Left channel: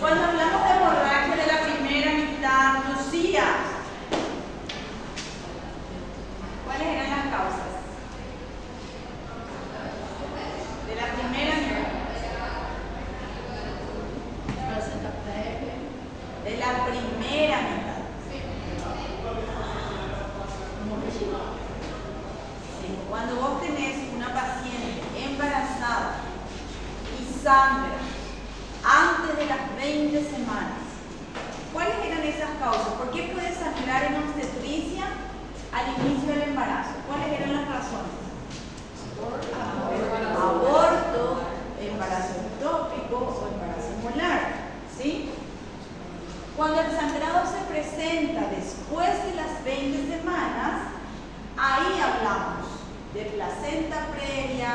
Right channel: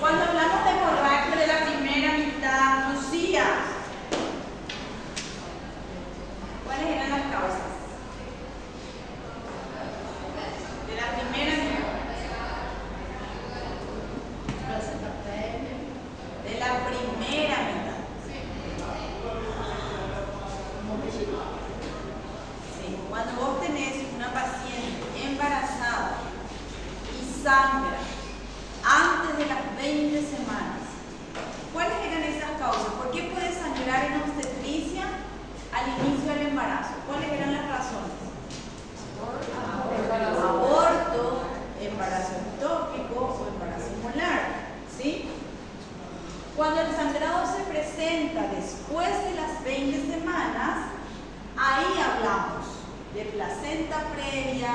Cuando hablamos de hemorragia de la primera mitad, Lucía, ¿cuáles eran las causas? De la primera mitad. De la primera mitad. Sí, cuando vos tenés una paciente embarazada y sangra antes de las 20 semanas, ¿cuáles eran esas causas? ¿Por qué puede sangrar en obstetricia al inicio del embarazo? ¿Cuáles eran las razones? Aborto, embarazo ectópico o embarazo molar, ¿sí? Cuando el sangrado se presenta después de las 20 semanas, ahí hablamos de placenta previa,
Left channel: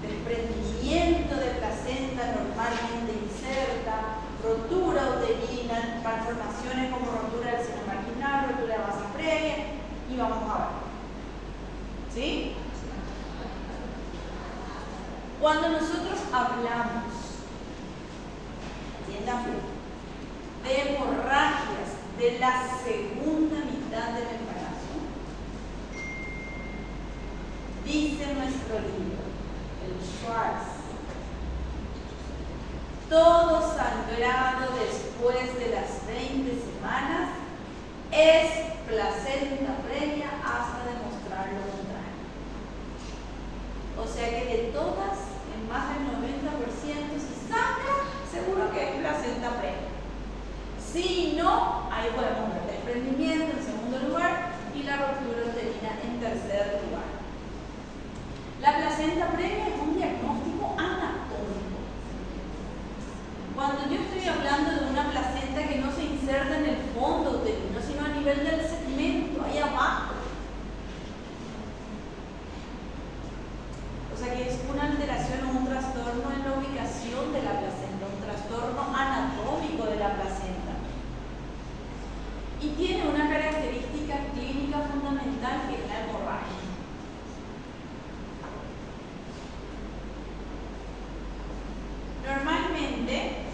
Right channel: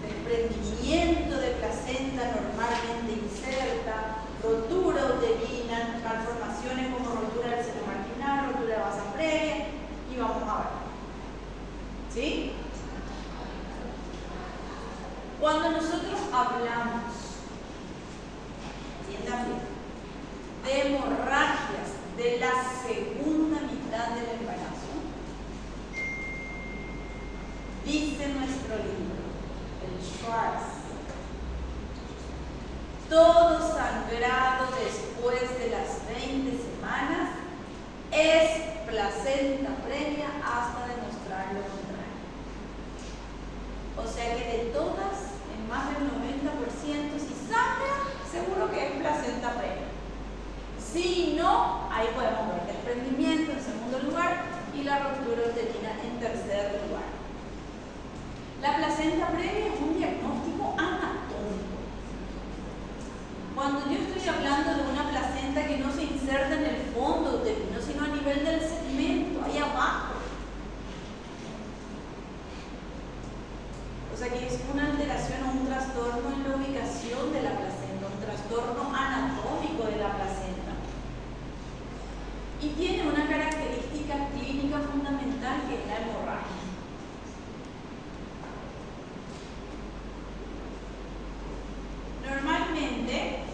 desprendimiento de placenta normalmente inserta, rotura uterina, malformaciones como rotura del seno marginal, rotura de masa previa, y vamos a ver. ¿Sí? Cuando nosotros hablamos, entiendan bien, de hemorragias de la segunda mitad del embarazo, dice nuestro libro, el Schwartz, todo sangrado después de las 20 semanas es placenta previa hasta demostrar lo contrario. O sea que de todas, en más del 90%, si sangra, seguro que es placenta previa. Si no, ahí podemos ver desprendimiento en segundo lugar y la ruptura uterina en tercer lugar. La placenta previa es un diagnóstico anatómico. Cuando yo estoy hablando de una placenta que no se inserta en el fondo uterino, sino a nivel del segmento, ahí abajo. O sea que es una alteración o un trastorno en la ubicación de la placenta, un trastorno anatómico de la placenta. Y tiene una característica clínica fundamental que es la hemorragia. Normalmente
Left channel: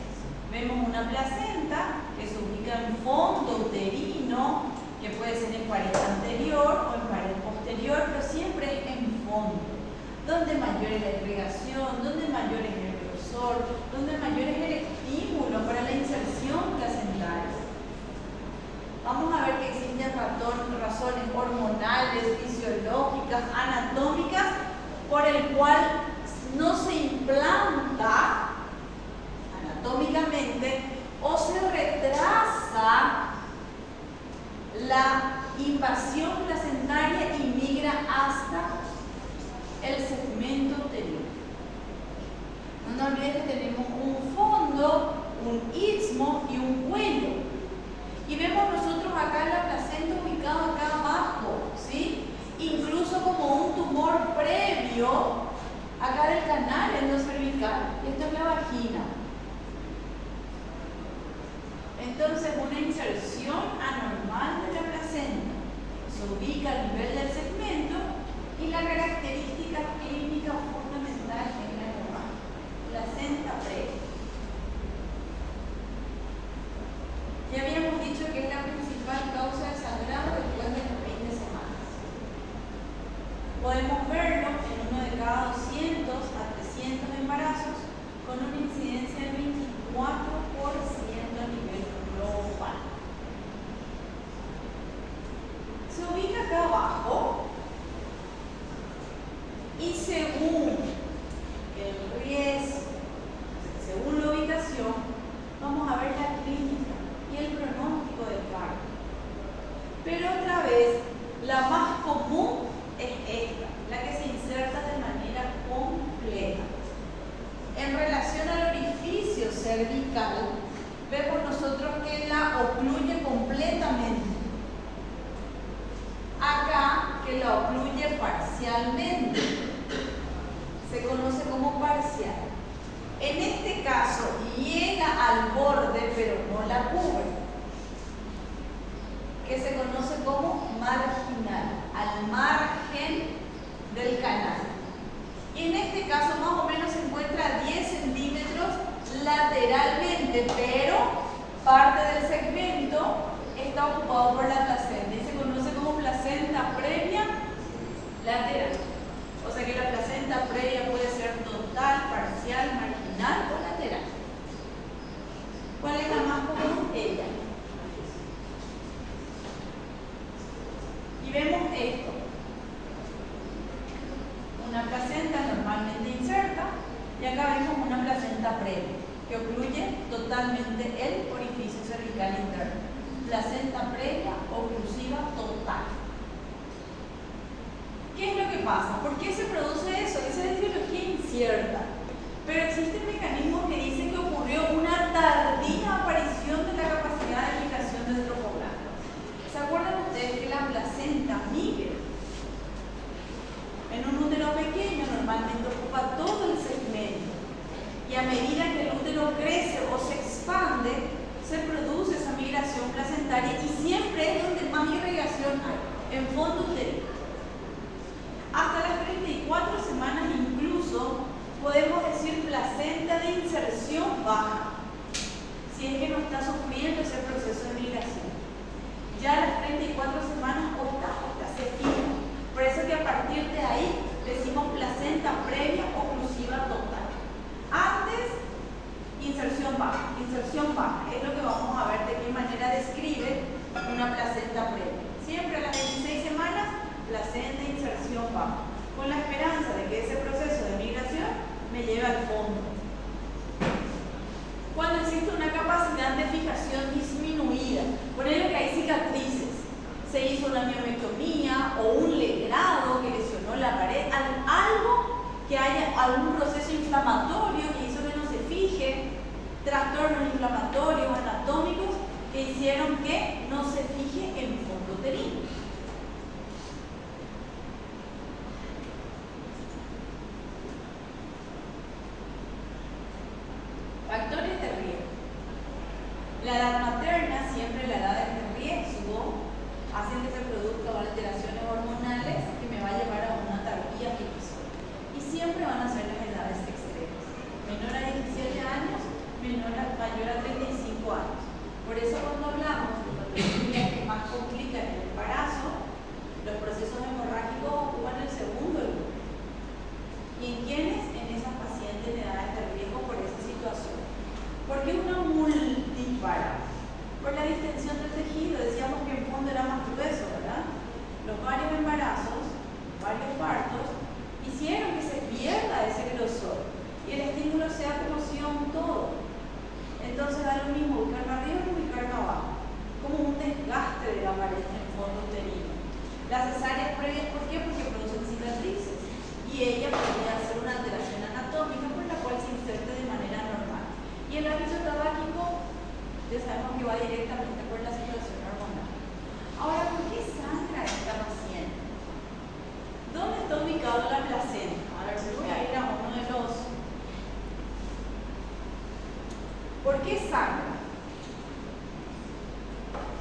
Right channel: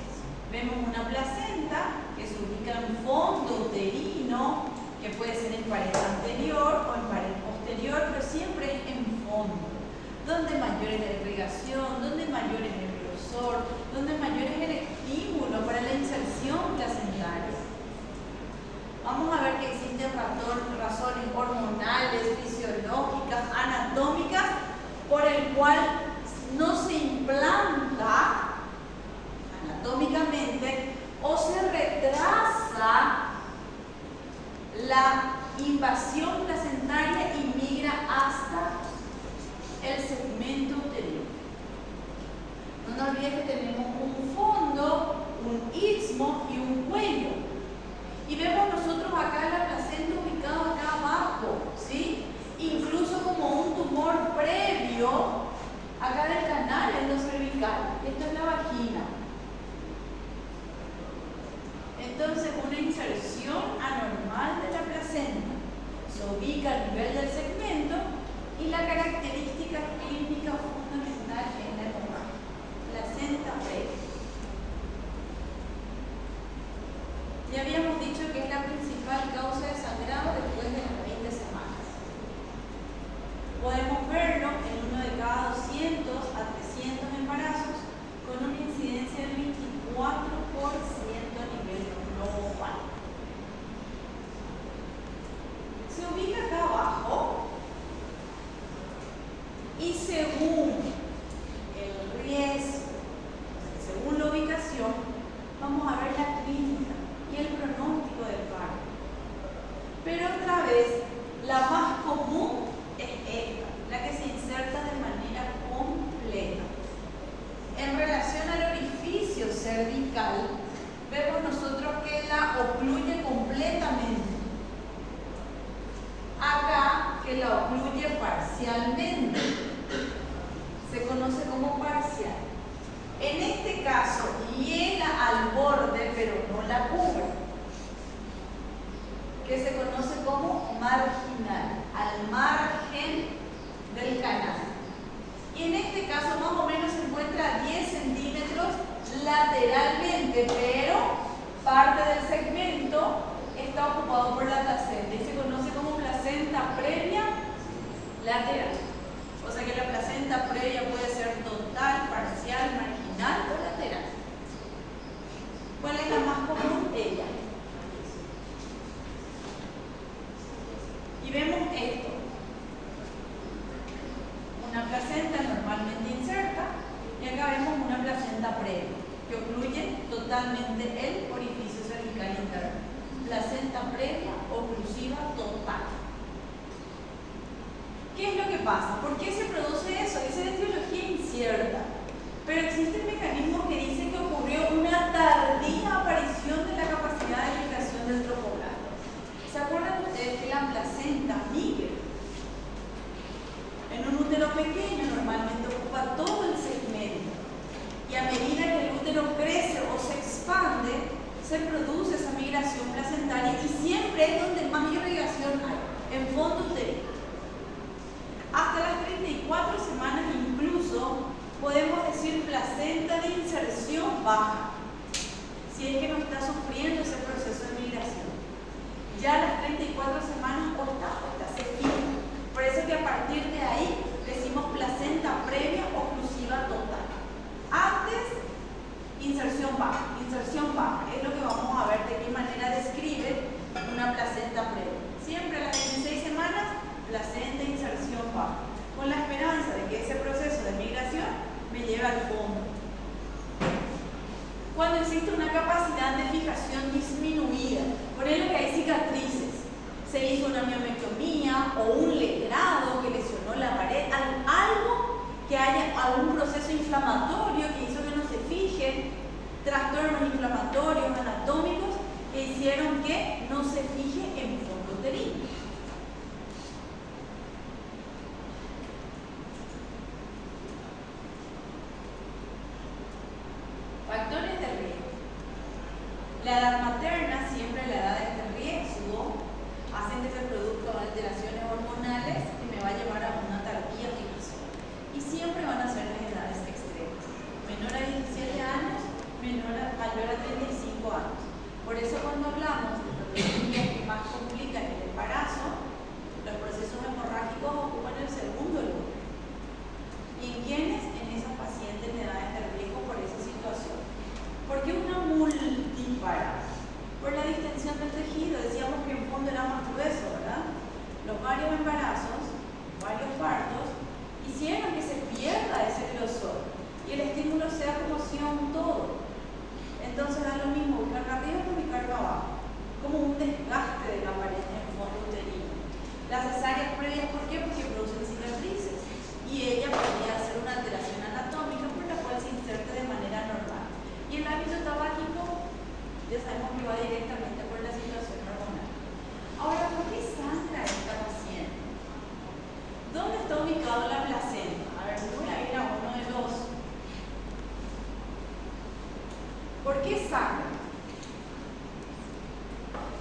vemos una placenta que se ubica en fondo uterino, que puede ser en pared anterior o en pared posterior, pero siempre es en fondo, donde mayor es la irrigación, donde mayor es el grosor, donde mayor es el estímulo para la inserción placentaria. Vamos a ver que existen razones hormonales, fisiológicas, anatómicas, por el cual no se implanta anatómicamente o se retrasa la invasión placentaria y migra hasta el segmento uterino. No nos olvidemos que tenemos un fondo, un istmo y un cuello. Y vemos nosotros acá la placenta ubicada acá abajo, ¿sí? Incluso como un tumor previo acá del canal endocervical. Esta es la vagina. Entonces, una inserción anormal de la placenta se ubica a nivel del segmento y la característica clínica fundamental es la hemorragia. Placenta previa. Ya habíamos dicho que es la principal causa de sangrado después de las 20 semanas. Podemos verlo en uno de cada 200 a 300 embarazos con una incidencia de 24% a nivel global. Se ubica acá abajo y según el riesgo, según la ubicación, vamos a ver la clínica y el pronóstico del parto. Pero otra vez, la más común es esta. que la ocluye parcialmente. Se conoce como parcial. En este caso, llega al borde, pero no la cubre, que se conoce como marginal, al margen del canal. Y en este caso, más o menos se encuentra a 10 centímetros lateralmente, pero parte del segmento está ocupado por la placenta y se conoce como placenta previa lateral. O sea que la placenta previa puede ser total, parcial, marginal o lateral. ¿Cuál es la más común? Ella. Y vemos esto. Una placenta normalmente inserta y acá vemos una placenta previa que ocluye totalmente el orificio cervical interno. Placenta previa oclusiva total. ¿Qué es lo que pasa? ¿Por qué se produce eso? Esa es etiología incierta. Pero existe un mecanismo que dice que ocurrió una tardía aparición de la capacidad de migración del trofoblasta. ¿Se acuerdan ustedes que la placenta migra en un útero pequeño? Normalmente ocupa todo el segmento. Y a medida que el útero crece o se expande, se produce esa migración placentaria y siempre es donde más irrigación hay, en fondo uterino. Hasta las 34 semanas incluso podemos decir placenta de inserción baja, si es que no está sufriendo ese proceso de migración. Ya a las 34 semanas octa se fija. Por eso que a partir de ahí decimos placenta previa oclusiva total. Antes, inserción baja es lo que vamos a ver de qué manera describe una placenta previa. Siempre a las 26 semanas, placenta inserción baja, con la esperanza de que ese proceso de migración me lleve al fondo. Cuando existe una capacidad de fijación disminuida, por ejemplo que hay cicatrices, se hizo una miomectomía o un legrado que lesionó la pared, algo que haya algún proceso inflamatorio que hizo que no se fije, trastornos inflamatorios anatómicos que hicieron que no se fije en fondo uterino. Factores de riesgo. La edad materna, siempre la edad de riesgo, hacen que se produzcan alteraciones hormonales que me va a llevar a una tardía fijación. Y siempre van a ser las edades extremas. Menor a 17 años, mayor a 35 años. Por eso cuando hablamos de patologías que más complican el embarazo, los procesos hemorrágicos ocupan el segundo lugar. ¿Y en quiénes? En esas pacientes de edades de riesgo por esa situación. ¿Por qué una multipara? Por la distensión del tejido. Decíamos que en fondo era más grueso, ¿verdad? Los varios embarazos, varios partos, hicieron que se pierda ese grosor y el estímulo sea como si un todo. Entonces da lo mismo buscar arriba que buscar abajo, como un desgaste de la pared en el fondo uterino. Las cesáreas previas, ¿por qué? Porque producen cicatrices y ella podría hacer una alteración anatómica por la cual se inserte de manera normal. Y el hábito tabáquico, ya sabemos que va directamente por la situación hormonal. Ahora, ¿por qué sangra esta paciente? ¿Dónde está ubicado la placenta? A ver, voy a ir a uno de los. ¿Por qué sangra?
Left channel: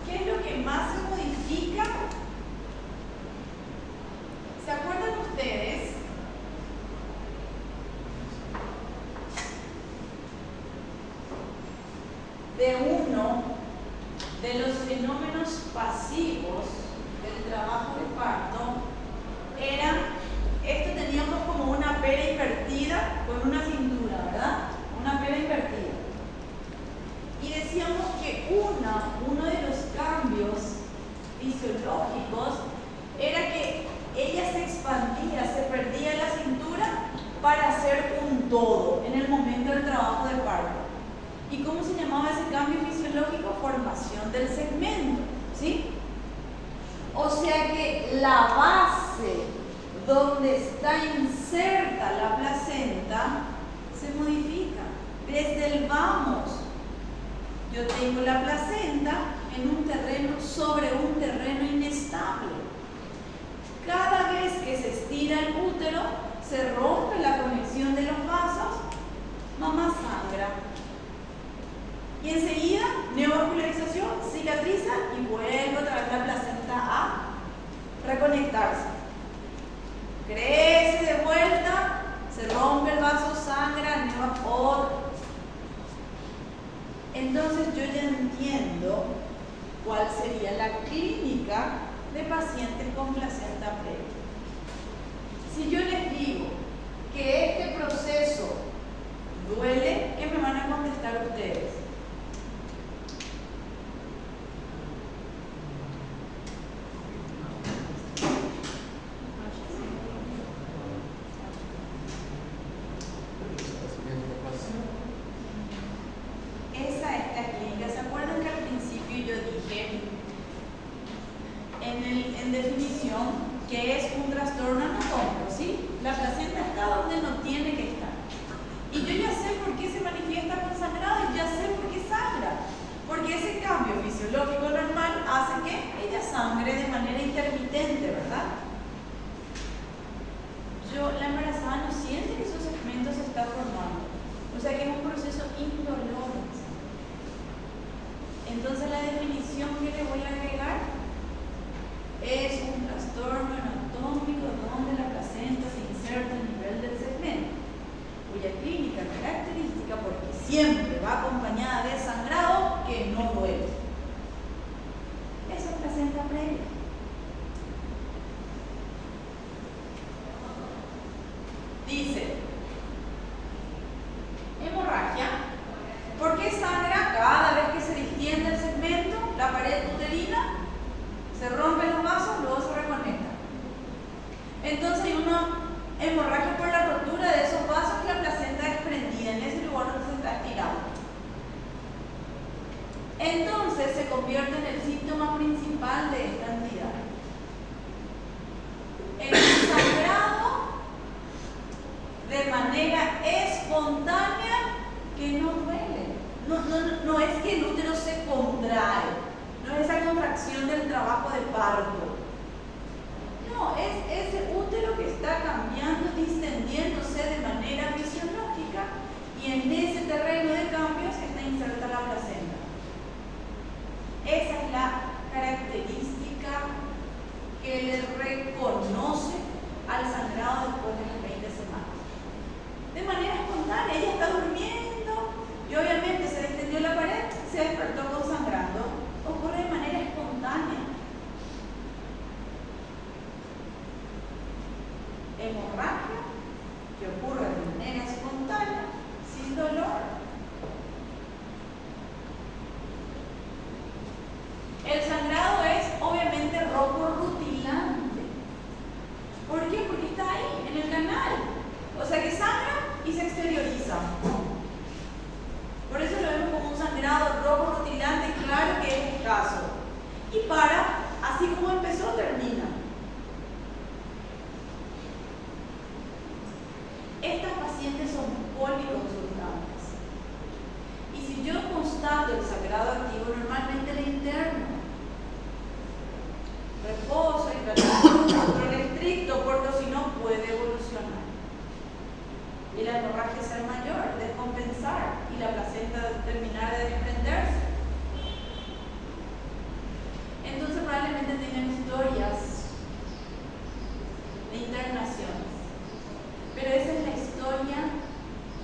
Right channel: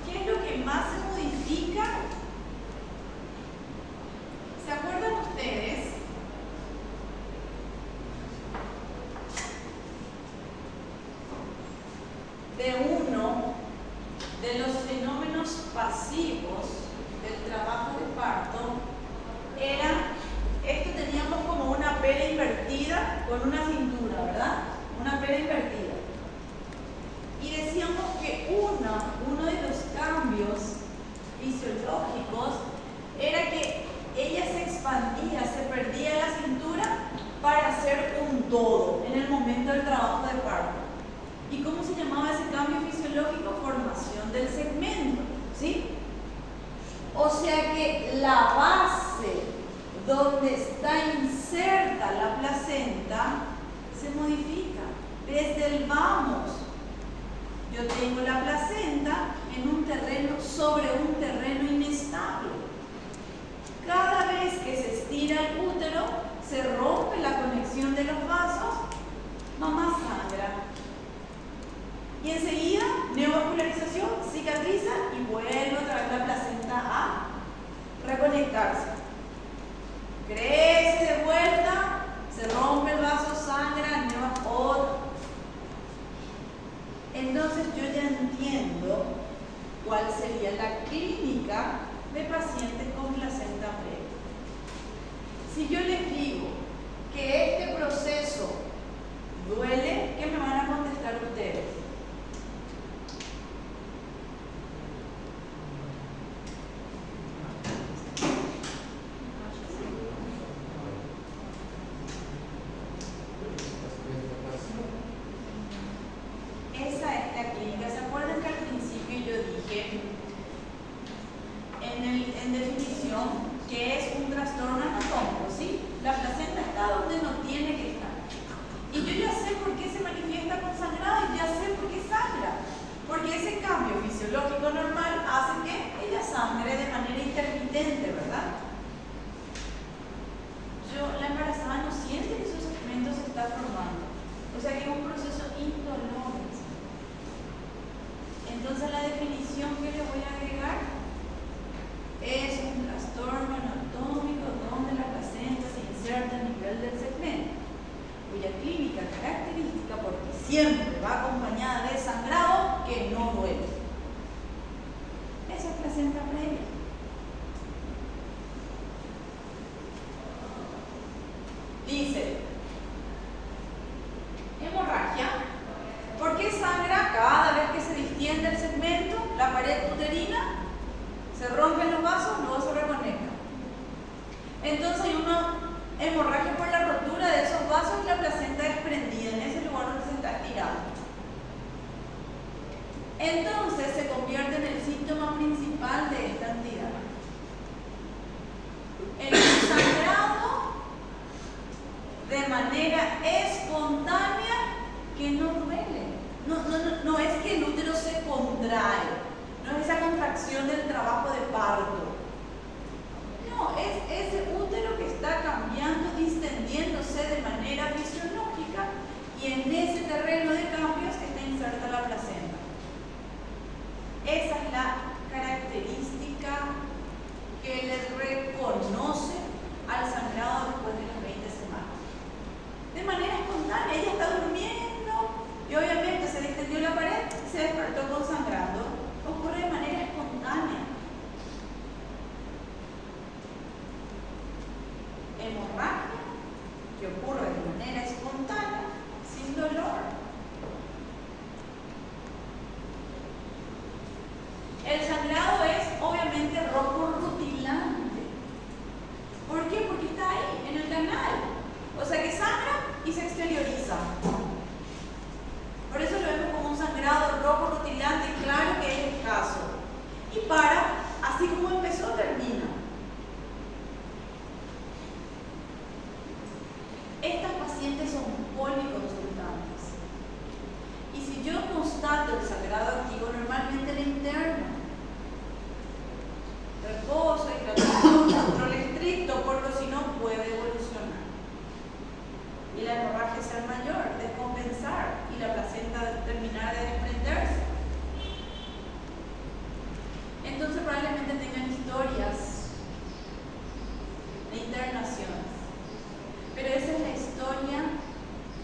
¿Qué es lo que más se modifica? ¿Se acuerdan ustedes? De uno de los fenómenos pasivos del trabajo de parto era, esto teníamos como una pera invertida con una cintura, ¿verdad? Una pera invertida. Y decíamos que uno de los cambios fisiológicos era que ella se expandía, se perdía la cintura para hacer un todo en el momento del trabajo de parto. ¿Y cómo se llamaba ese cambio fisiológico? Formación del segmento, ¿sí? O sea que la base donde está inserta la placenta se modifica desde el vamos. Yo tengo la placenta en un terreno, sobre un terreno inestable. Cada el útero, se rompe la conexión de los vasos, mamá sangra. Y enseguida, neovascularización, cicatriza y vuelve otra vez la placenta a reconectarse. Crece de vuelta, se rompe el vaso, sangra, otro. Entonces yo ya entiendo cuál sería la clínica de pacientes con placenta previa. Si yo les digo que este proceso duele, ¿qué me van a contestar ustedes? Esa es la clínica. ¿Se acuerdan que al principio yo dije en definición que es un trastorno anatómico, ¿sí? La placenta está donde no tiene que estar. Y yo ya sé por qué se manifiesta con sangrado y ya sé por qué sangra. Porque ese cambio fisiológico normal hace que ella sangre de manera intermitente, ¿verdad? La embarazada no siente que su segmento se está formando. O sea que es un proceso indoloro. Entonces la definición que le voy a agregar es un trastorno anatómico donde la placenta se inserta a nivel del segmento, cuya clínica característica, porque siempre va acompañada de sangrado que no duele. Esa es placenta previa. Dice, hemorragia. ¿Por qué sangra cada vez que se distiende el segmento, la pared uterina? Se rompen los vasos, luego se reconectan. Entonces hay una hemorragia por la rotura de esos vasos y la placenta es prendida en ese lugar donde se está estirando. Entonces se convierte en el síntoma principal de esta entidad. El sangrado de manera espontánea que no duele. No es que el útero se contrae, no es esa contracción del trabajo de parto. No, es ese útero que está cambiando, distendiéndose de manera fisiológica y en ese terreno de cambios está inserta la placenta. Esa es la característica que le reconoce al sangrado después de las 20 semanas. De manera espontánea, ella está durmiendo y obviamente se distendió la pared y se despertó con sangrando. Ocurre de manera espontánea. Hemorragia que ocurre de manera espontánea, sin dolor. El sangrado es obviamente rojo rutilante. ¿Por qué? Porque está ahí, en el canal. O sea que sangra y se exterioriza. Por eso lo vemos como un sangrado rojo rutilante, claro que es escaso. Y así como empezó, termina. Estas pacientes son policonsultantes. Y si yo constato el sangrado activo, normalmente le interno. Reposo, hidratación, control estricto, porque si no puede evolucionar. Y la hemorragia ser mayor, descompensar y la placenta terminar de desprenderse. Entonces probablemente tengan historias de internaciones. Pero esa es la historia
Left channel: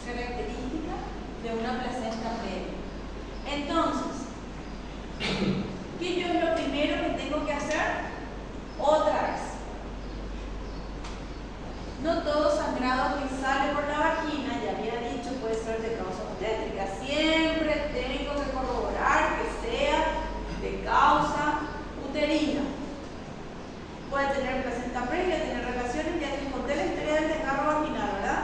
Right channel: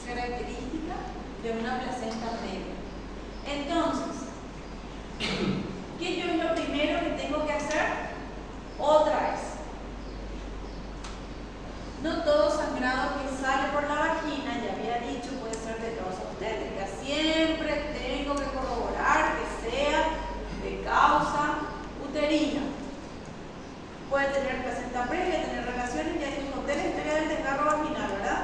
característica de una placenta previa. Entonces, ¿qué yo es lo primero que tengo que hacer? Otra vez. No todo sangrado que sale por la vagina, ya había dicho, puede ser de causa obstétrica. Siempre tengo que corroborar que sea de causa uterina. Puede tener placenta previa, tener relaciones. Ya les conté la historia del desgarro vaginal, ¿verdad?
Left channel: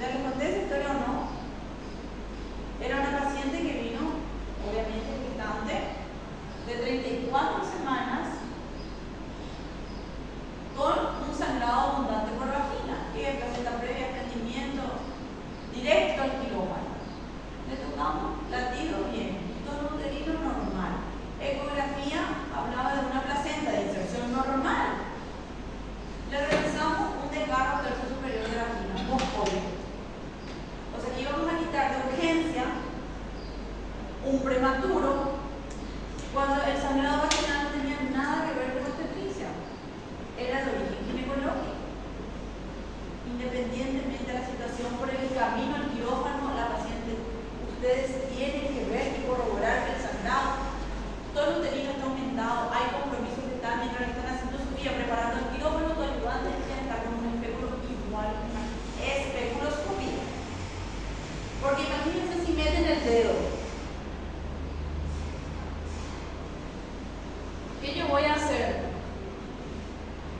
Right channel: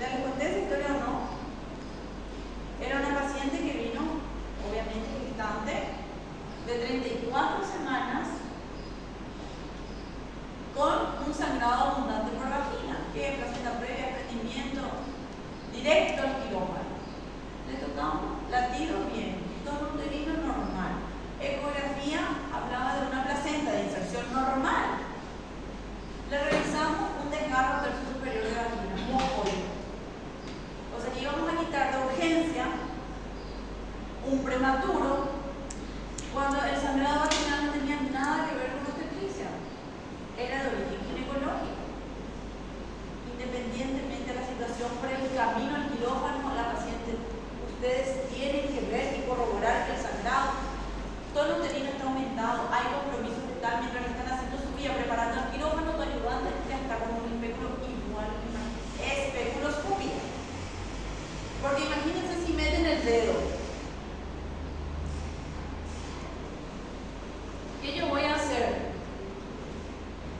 ¿Ya les conté esa historia o no? Era una paciente que vino, obviamente gestante, de 34 semanas con un sangrado abundante por vagina, que placenta previa, desprendimiento directo al quirófano. Le tocamos latido bien, tono uterino normal. Ecografía hablaba de una placenta de inserción normal. Le realizamos un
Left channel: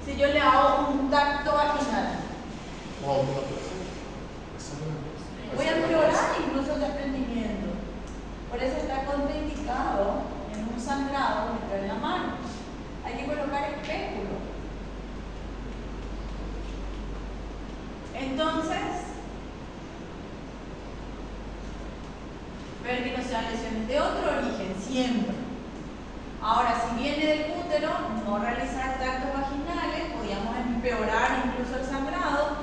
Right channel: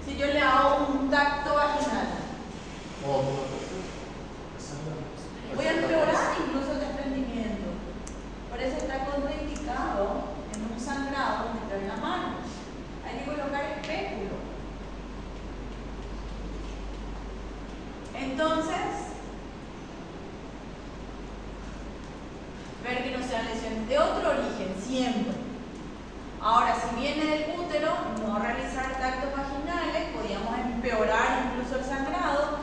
Si yo le hago un tacto vaginal, voy a empeorar incluso el desprendimiento. Por eso está contraindicado en un sangrado meter la mano. Hay que colocar espéculo. Entonces, ver que no sean lesiones de otro origen, siempre. Ahora, si viene del útero, no realizar tactos vaginales, podríamos empeorar incluso el sangrado.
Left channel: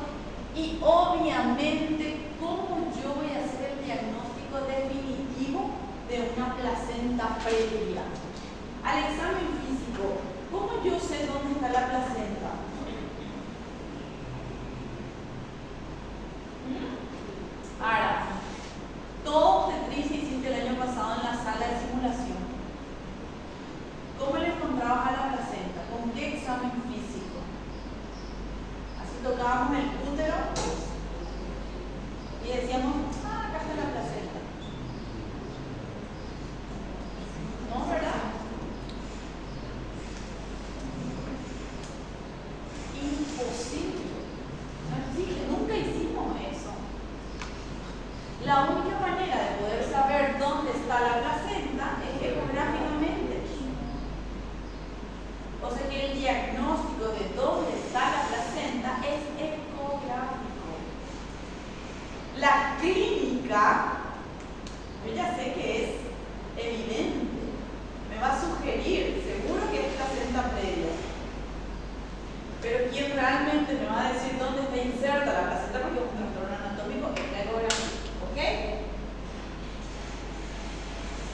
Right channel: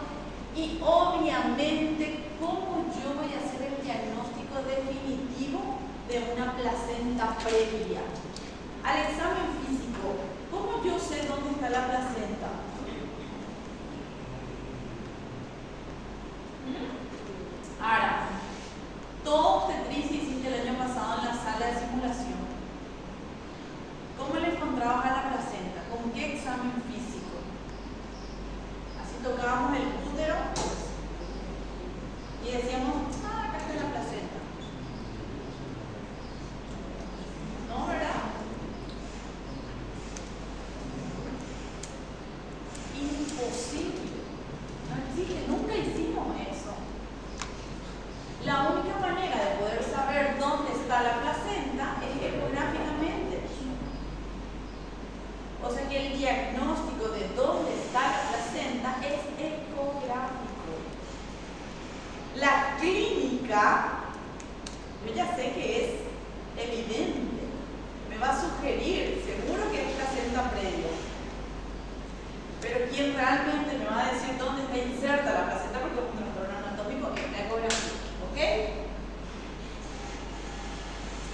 Y obviamente, ¿cómo yo voy a hacer el diagnóstico definitivo de una placenta previa? Al examen físico, ¿cómo yo sé dónde está la placenta? Ahora, todo obstetricia hiciste el año pasado en la sala de simulación. ¿Cómo le encontrabas a la placenta? ¿Con qué examen físico? Así tocábamos el útero y decíamos, acá está la placenta. ¿No, verdad? Imposible. No existe, nunca hicimos eso. La única manera de poder saber dónde está la placenta es ecográficamente. O sea que el diagnóstico de dónde está la placenta es ecográfico. La clínica, yo ya sé que es evidente, me va a sugerir, seguro que es placenta previa. Pero quien realmente me va a decir dónde está inserta la placenta, porque es un trastorno anatómico, es la ecografía. ¿Ok?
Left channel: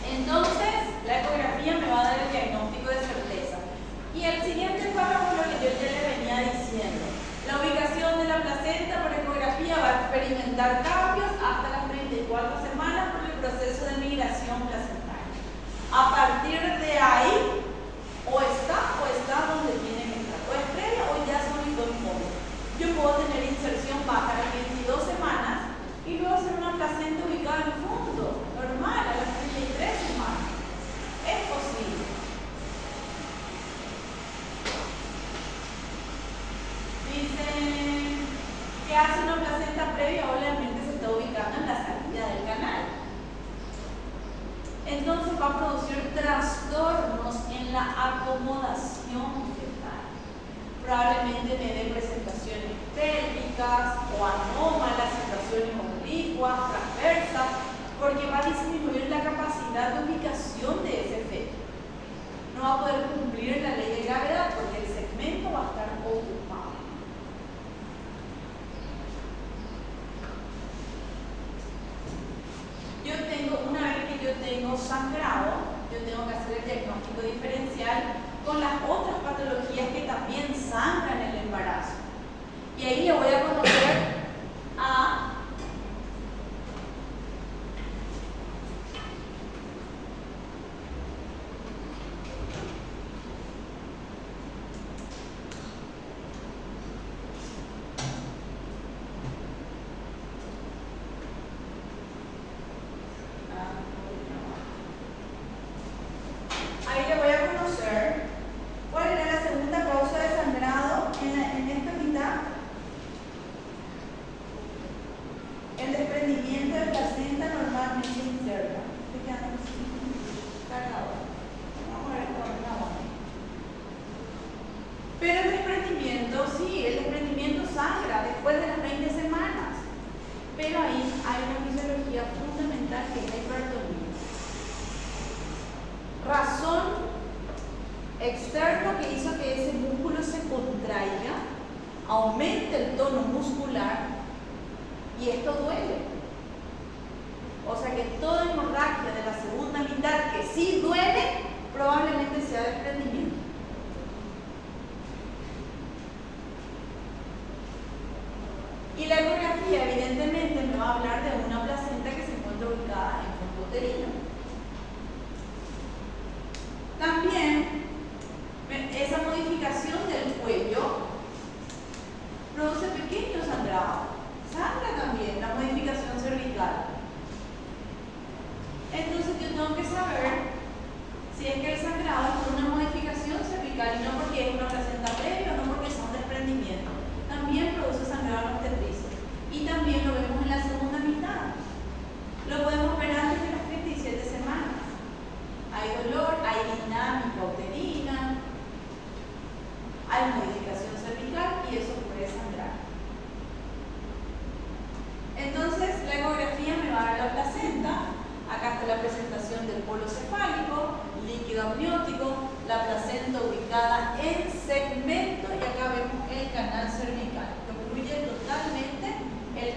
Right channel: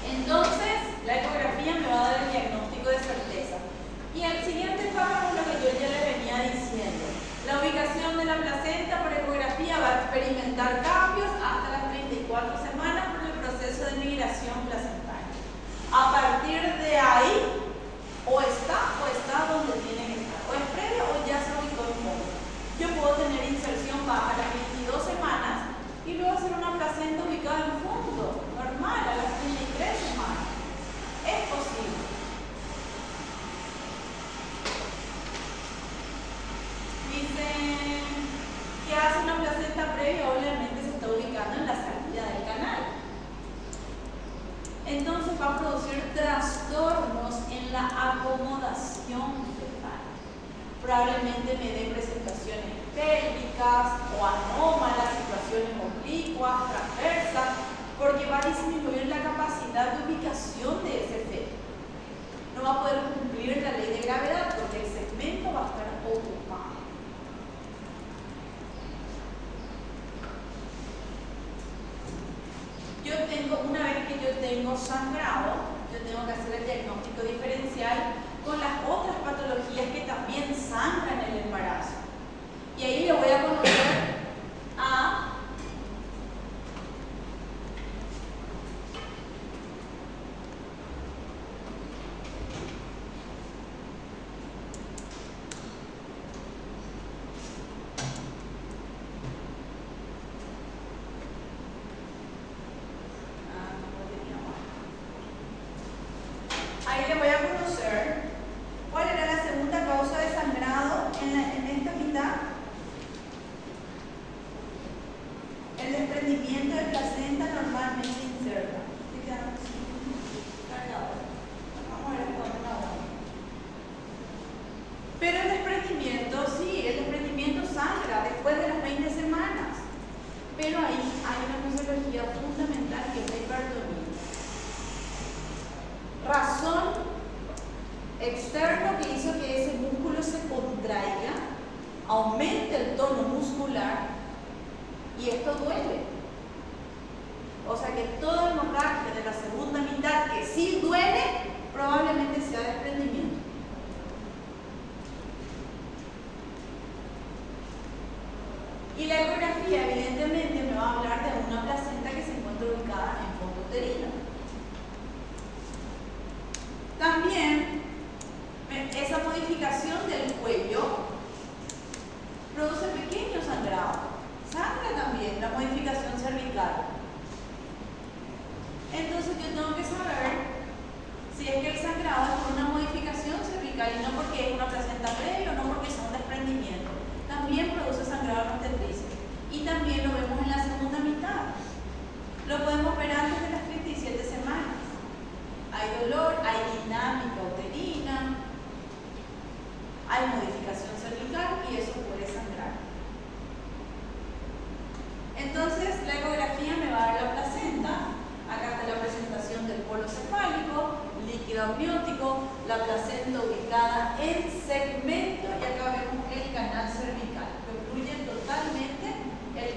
Entonces, la ecografía me va a dar el diagnóstico de certeza. Y el siguiente párrafo es lo que yo ya le venía diciendo. La ubicación de la placenta por ecografía va a experimentar cambios hasta las 34 semanas por el proceso de migración placentaria. A partir de ahí, o está donde tiene que estar. O es previo o ya se ubicó en fondo. Yo puedo tener inserción baja a las 22 semanas y luego hacer una placenta ubicada en el fondo, normal, a las 33 semanas. Es posible. Dicen que hace una placenta previa, obviamente se está ubicando en la salida del canal. Entonces va a producir trastornos en la acomodación fetal. Probablemente me dé presentaciones pélvicas o anómalas, situaciones oblicuas, transversas, porque va a disminuir la capacidad de ubicación de ese feto. No va a poder cumplir la ley de gravedad porque el segmento va a estar ocupado. Una vez que yo tengo sangrado, yo tengo que hacer el diagnóstico diferencial con las otras patologías que también sangran el embarazo. Y ahí le voy a conocer a cuál era la segunda causa de sangrado en esta mitad. El desprendimiento de placenta normalmente inserta. Vamos a ver esto ahora. Pero el desprendimiento, sí, el desprendimiento sangra después de las 20 semanas. Pero ahí hay una fisiología fundamental que es la hipertonía. Razón externo que hizo que ese músculo se contraiga, aumente el tono muscular y esto duele. O sea que toda hemorragia de la segunda mitad que sí duele, probablemente sea desprendimiento. Y la ecografía evidentemente me va a hablar de una placenta que se encuentra ubicada en fondo uterino. También esa modificación del cuello produce pequeños sangrados. Sangra también la modificación cervical. Entonces yo tengo que saber si es que el sangrado es por una modificación cervical y no porque es una placenta previa o no porque son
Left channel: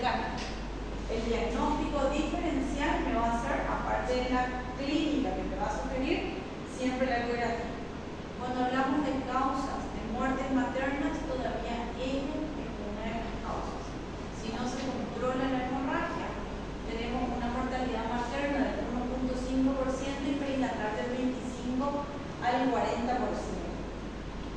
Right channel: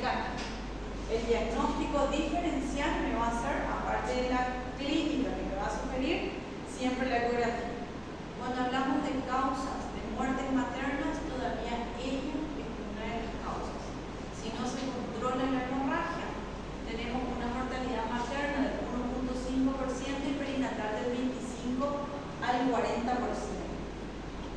mecánica. El diagnóstico diferencial me va a hacer, aparte de la clínica que me va a sugerir, siempre la ecografía. Cuando hablamos de causas de muertes maternas, todavía ello es una de las causas. Si no se controla la hemorragia, tenemos una mortalidad materna del 1.5% y perinatal del 25 al 40%.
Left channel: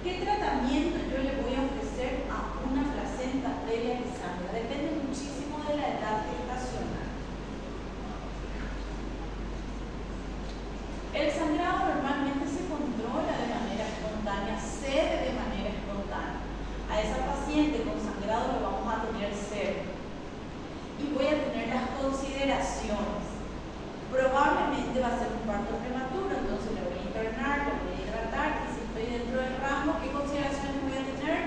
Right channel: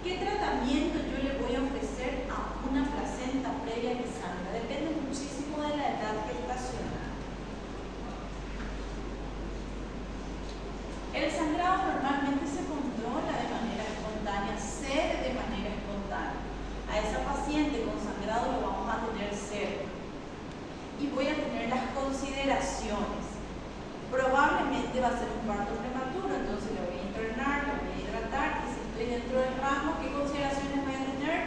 ¿Qué tratamiento yo le voy a ofrecer a una placenta previa que sangra? Depende muchísimo de la edad gestacional. El sangrado normalmente se controla de manera espontánea, cede de manera espontánea. A esa paciente con sangrado lo vamos a tener cerca. Y voy a tener las consideraciones. Probablemente va a ser un parto prematuro, entonces me voy a internar, me voy a hidratar, y si estoy dentro del rango, ¿qué consideraciones voy a tener?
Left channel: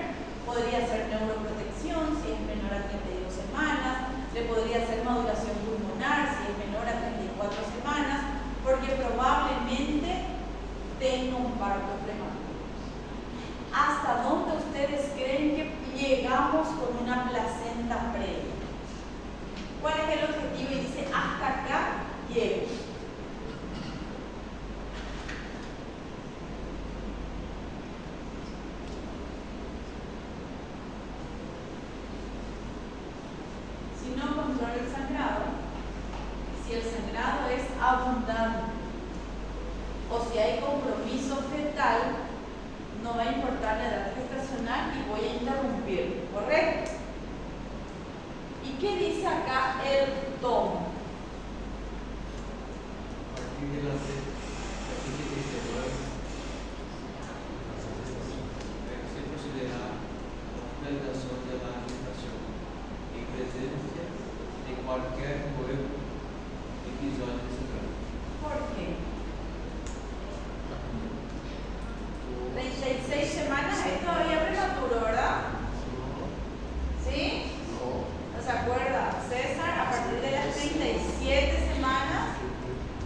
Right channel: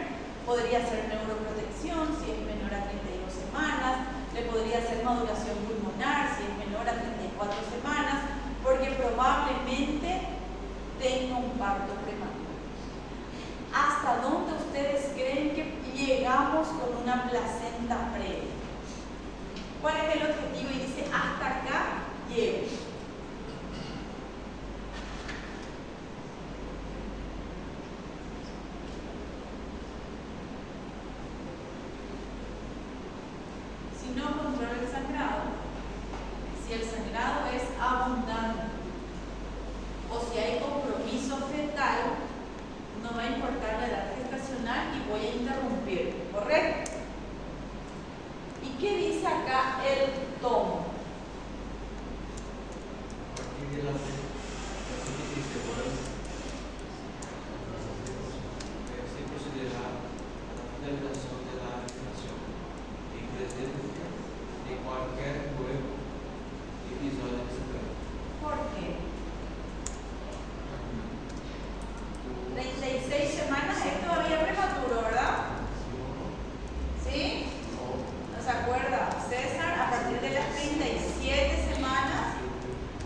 Podría ser neuroprotección, si es menor a 32 semanas, le podría hacer modulación pulmonar, si es menor a 34 semanas, porque probablemente tenga un parto prematuro. ¿Hasta dónde ustedes creen que llegamos con una placenta previa? ¿Cuál es el objetivo? Y dice, hasta acá llego. Si no controla el sangrado, si el sangrado es abundante o si hay compromiso fetal, no va a importar la edad gestacional y voy a interrumpir, ¿correcto? ¿Y qué dice acá el tomo? Aquí delante, aquí dice, se procederá a la finalización de la gestación en presencia de cualquier nuevo episodio sangrado. ¿Por qué? 36 semanas es todavía prematuro, ¿verdad? ¿Sí? ¿No se acuerda? César, a partir de las 37 semanas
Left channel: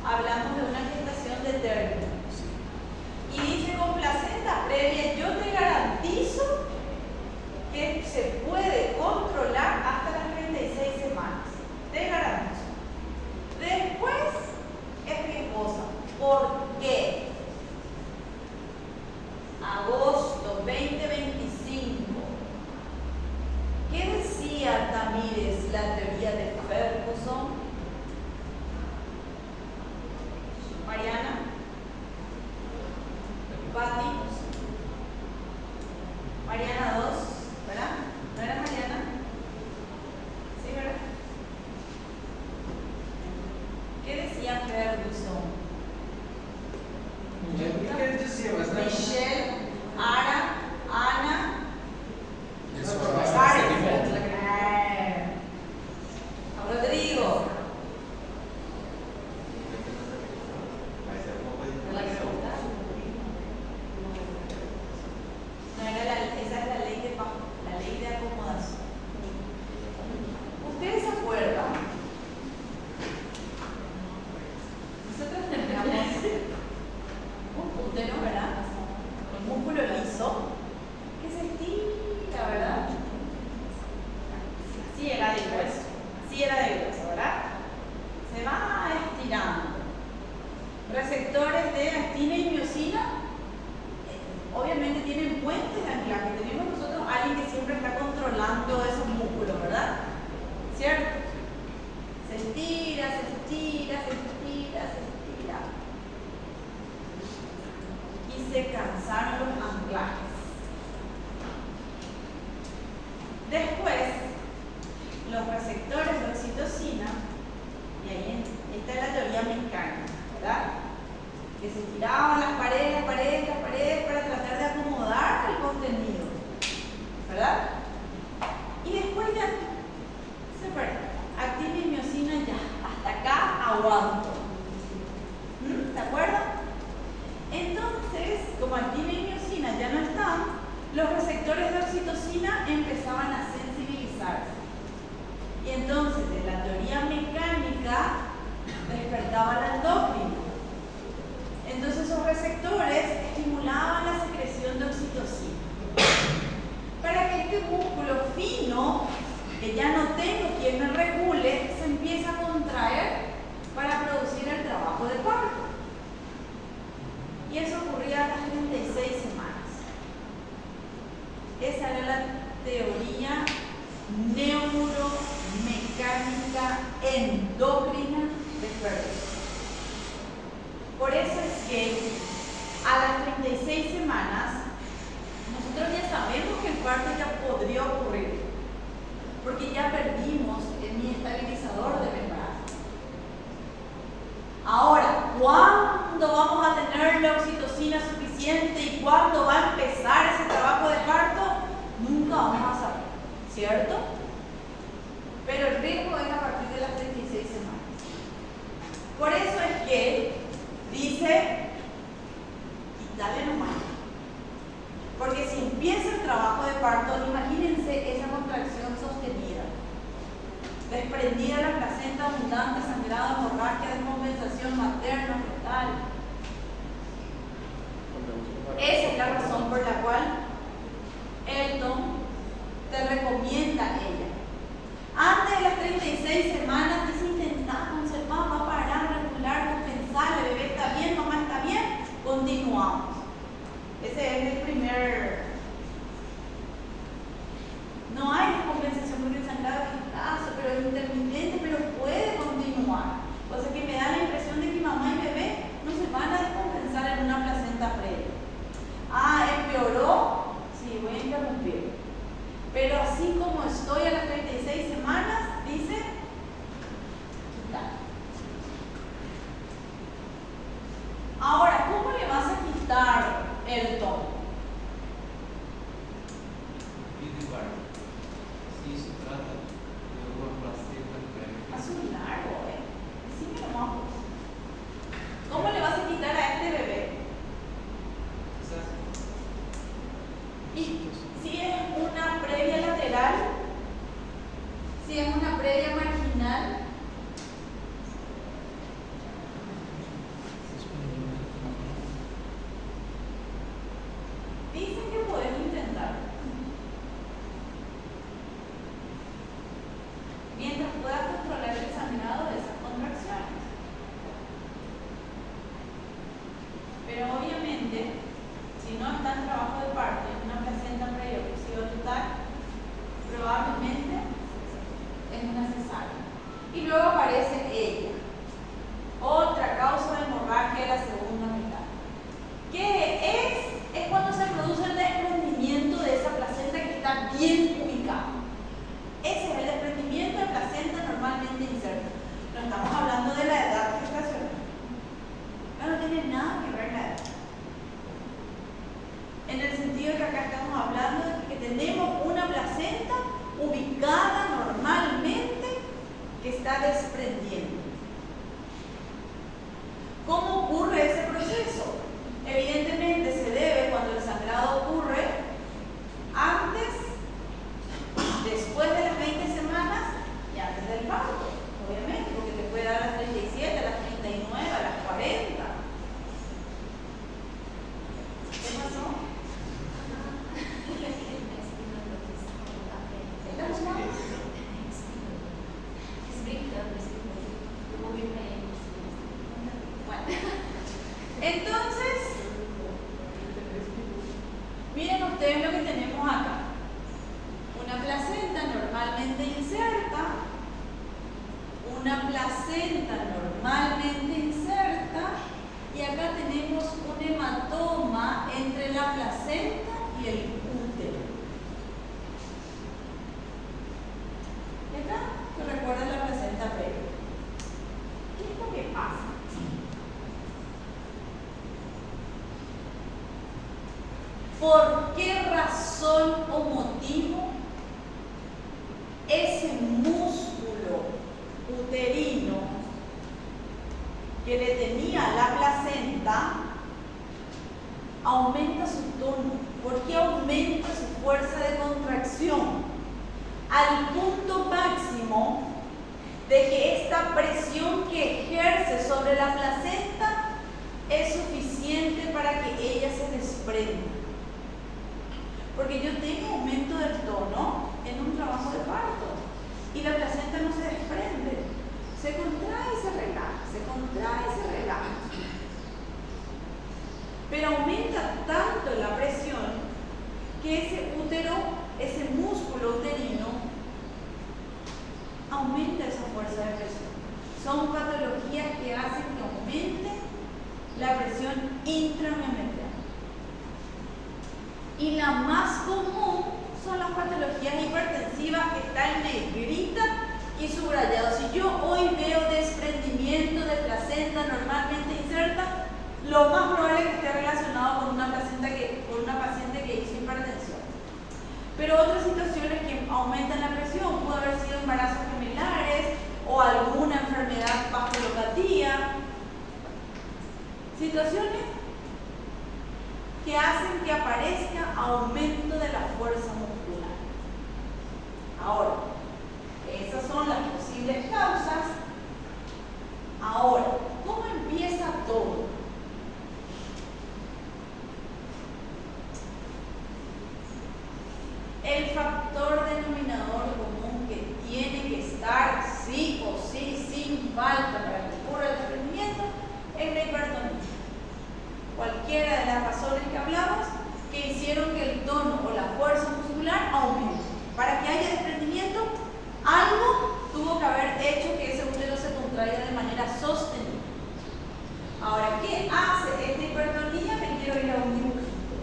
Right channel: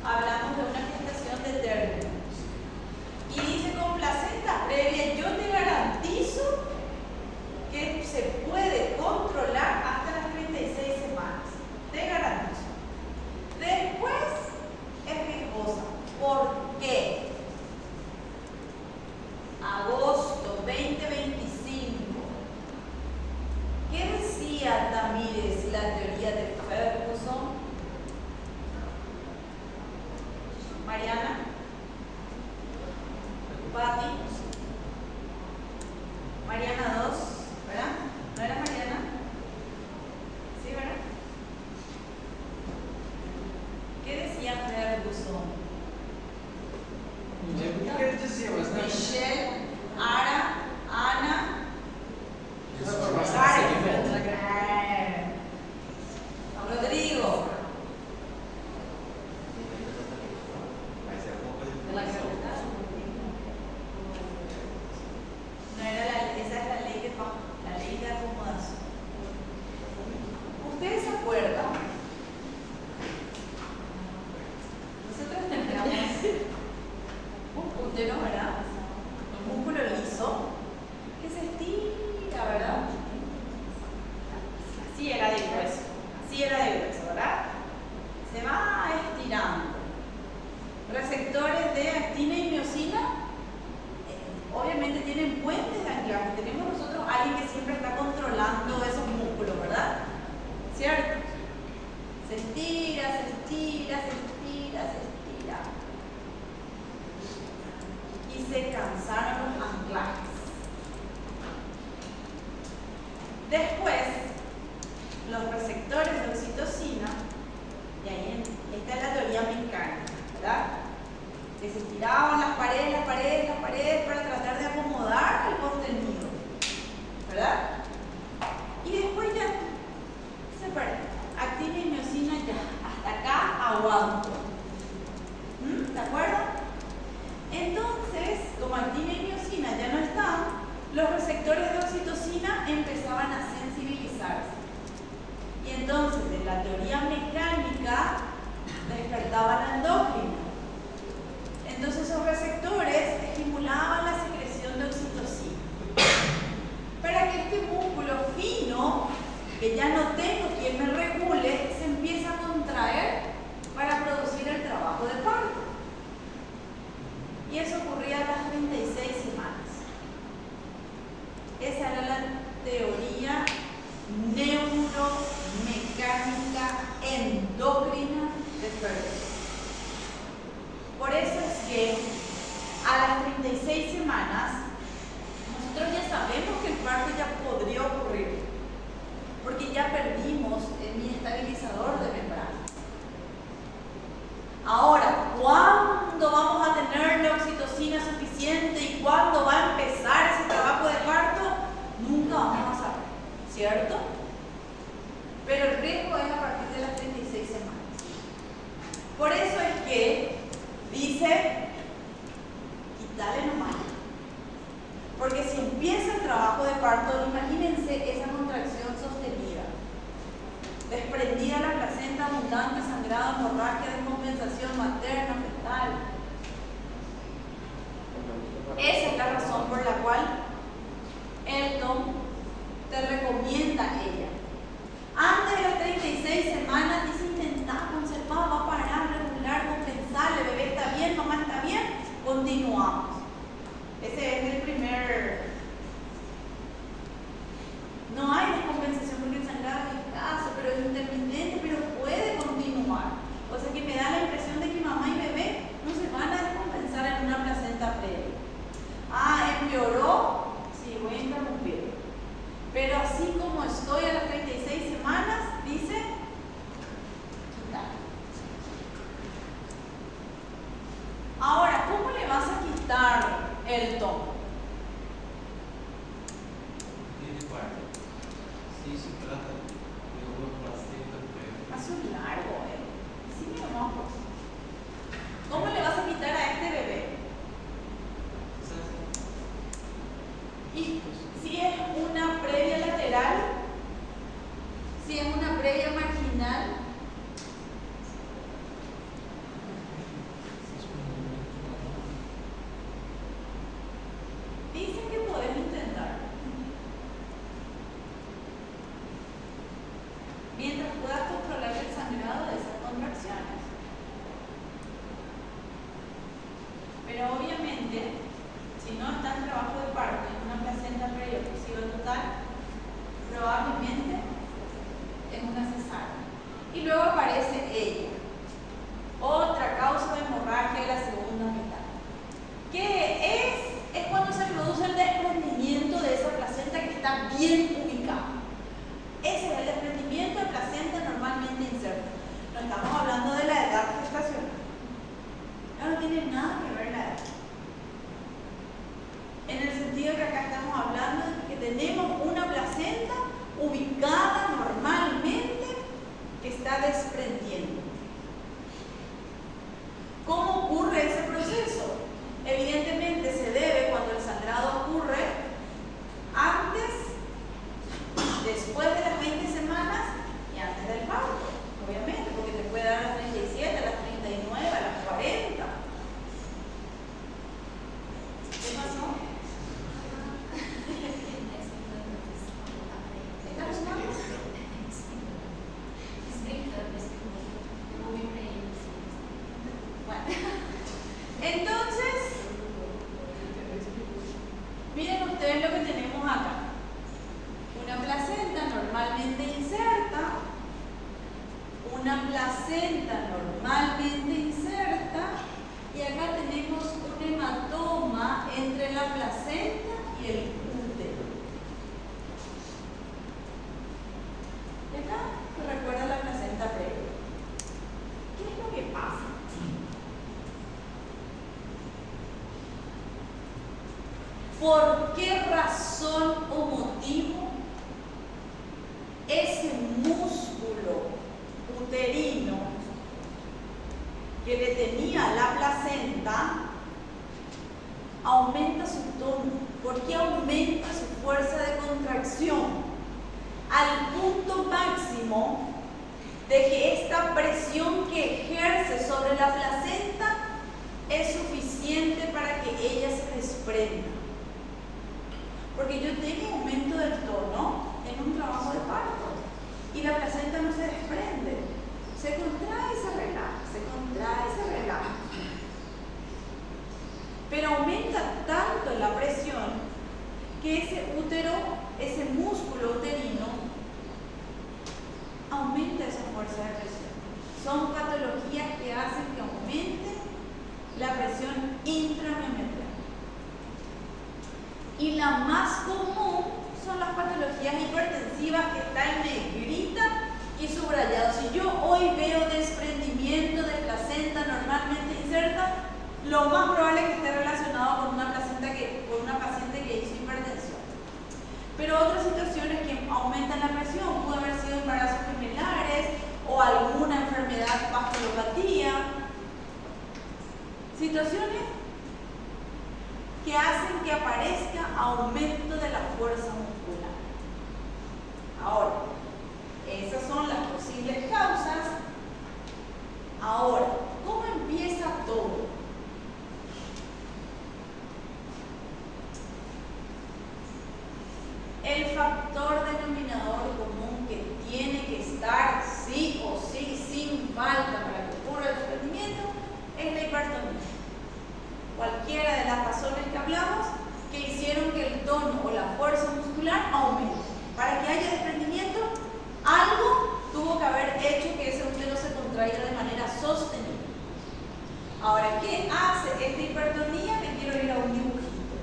hablamos de una gestación de término. Y dice con placenta previa, yo te garantizo que se puede controlar hasta las 36 semanas. Te garantizo. Después es riesgosa. ¿Por qué? Agosto 2025. ¿Qué decía Tamírez la teoría de Ferguson? Mariana, Pati, Mariana 2, ¿verdad? ¿No era Mariana? ¿Sí, verdad? ¿Qué decía Ferguson? Michelle, Ara, Ana, Rodrigo. No era esa es la ley de acomodación. ¿Ustedes se acuerdan? Nosotros teníamos un útero, ¿verdad? Un músculo liso que se estira, ¿verdad? Así era de grueso, ¿verdad? Se va estirando. Receptores de actina y miosina, obviamente tienen puentes de anclaje. Tenemos nosotros alguien que siempre está controlando esos músculos, ¿verdad? ¿Cierto? Se estira, se estira, se estira, se estira. Y se cansaron los anclajes. Después, los receptores de oxitocina, y ahí esta es la teoría mecánica, ¿verdad? Que se estiraban las paredes para tratar de acomodar el contenido, ¿verdad? Y después ya se para. Actina y miosina ya, hasta acá aguanto. ¿De acuerdo? Entonces, como actina y miosina ya no están, los receptores de oxitocina empezaban a sensibilizarse. Y entonces, de la teoría mecánica, despertaba la endocrina. Entonces, esos receptores estimulaban la secreción de oxitocina. Para que este músculo fino que ya no tengo quien me regule, se empieza a contraer para producir el trabajo de parto. Y eso ocurría a las 36 semanas. Esa era la teoría neuromecánica endocrina de Ferber. Por eso es que a las 36 semanas nosotros ya sabemos que el parto ya podría ocurrir, porque ya perdimos mi estabilizador de membrana. Ahora, ¿cuándo vamos a tener la oxitocina suficiente y cuándo va a empezar ese trabajo de parto? Nunca vamos a saber, ¿cierto? Pero el riesgo es a partir de las 36 semanas. Por eso es que dice, quítale nomás. Porque si empieza el trabajo de parto, imagínense esa contracción sostenida, desprendida la placenta abundante, sangrado, hemorragia, descompensación materno, fetal. Esa es la razón por la cual Elton te recomienda a ella. Antes de las 36 semanas, dice, intenta conservar, va a parar, regular, compensar, el bebé está bien, mamá está bien, continuamos. Ese es el primer. No hay descompensación porque el sangrado es escaso, pero es intermitente, pero puede continuar. O sea que me da la impresión de que mamá y bebé no se van a descompensar en una placenta previa. Ah, empeoró, sí, voy a interrumpir. Pero así como estoy a las 36 semanas, dice, quitar. Ahora, ¿cómo le vas a quitar el tono? Si se trata de una placenta previa. Azul largo, sí me enojo. ¿Cómo le vas a quitar a este bebé? Y si es una previa lateral, si es una previa marginal, dicen que puedes intentar. Mientras puedas controlar el sangrado de esas contracciones. Pero obviamente, si no está en trabajo de parto, en una placenta previa oclusiva total, probablemente es una cesárea. Y luego aparece ella, otra causa de hemorragia de la segunda mitad. ¿Qué es? Es cuando se produce el desprendimiento de esa placenta que está bien ubicada. Ese es el desprendimiento de placenta normalmente inserta. No estamos hablando de la edad gestacional. No tiene nada que ver la edad. En el sentido de que acá estamos hablando de que tenemos una placenta ubicada normalmente que está desprendiendo. ¿Cómo ocurre ese proceso? Evidentemente se debe cuando el sangrado ocurre antes, después de las 20 semanas y antes del parto, obviamente, porque te puede dar a las 37, a las 39, a las 40. ¿Qué pasó? Entonces, miren ustedes lo que tenemos acá. Una placenta normalmente inserta, una placenta normalmente inserta, y acá tenemos un hematoma entre la placenta y el útero. Y acá se recuerda la placenta previa. ¿Qué es lo que pasa? ¿Por qué razón o motivo ese músculo uterino que le tenía la placenta aumenta su tono? ¿Por qué aumenta su fuerza de contracción? Al punto máximo de que esta presión que ejerce sobre la placenta es suficiente para que ella se desprenda. Porque yo tengo aumento del tono en un trabajo de parto. tanto la presión que ese útero, ese músculo uterino, aumenta esa fuerza de presión. Son patologías que hacen que aumente la presión intramiometrial. Y la más común son las patologías hipertensivas, que está en negrita y subrayado. Si yo hoy veo desprendimiento de placenta normalmente inserta, lo más probable es que esté relacionado con una paciente que hizo hipertensión. Pero otras situaciones que aumentan la presión, pudo haber sido embarazos gemelares o alguna enfermedad vasculopatía. Situaciones que hacen que aparezca aumento de la fuerza muscular. Ahora, esas son las posibles causas. Ahora, ¿cómo empieza todo? El factor denominador común que tiene que estar sí o sí, sin falta, para que ocurra el desprendimiento, es la hipertonía. Cualquiera de las razones que hablamos que hicieron que el tono o la fuerza muscular aumente. Para que haya desprendimiento, algo tuvo que haber hecho que ese útero se contraiga de manera sostenida. Ahora, ¿qué hace esta hipertonía? Me quiero ir a un dibujito,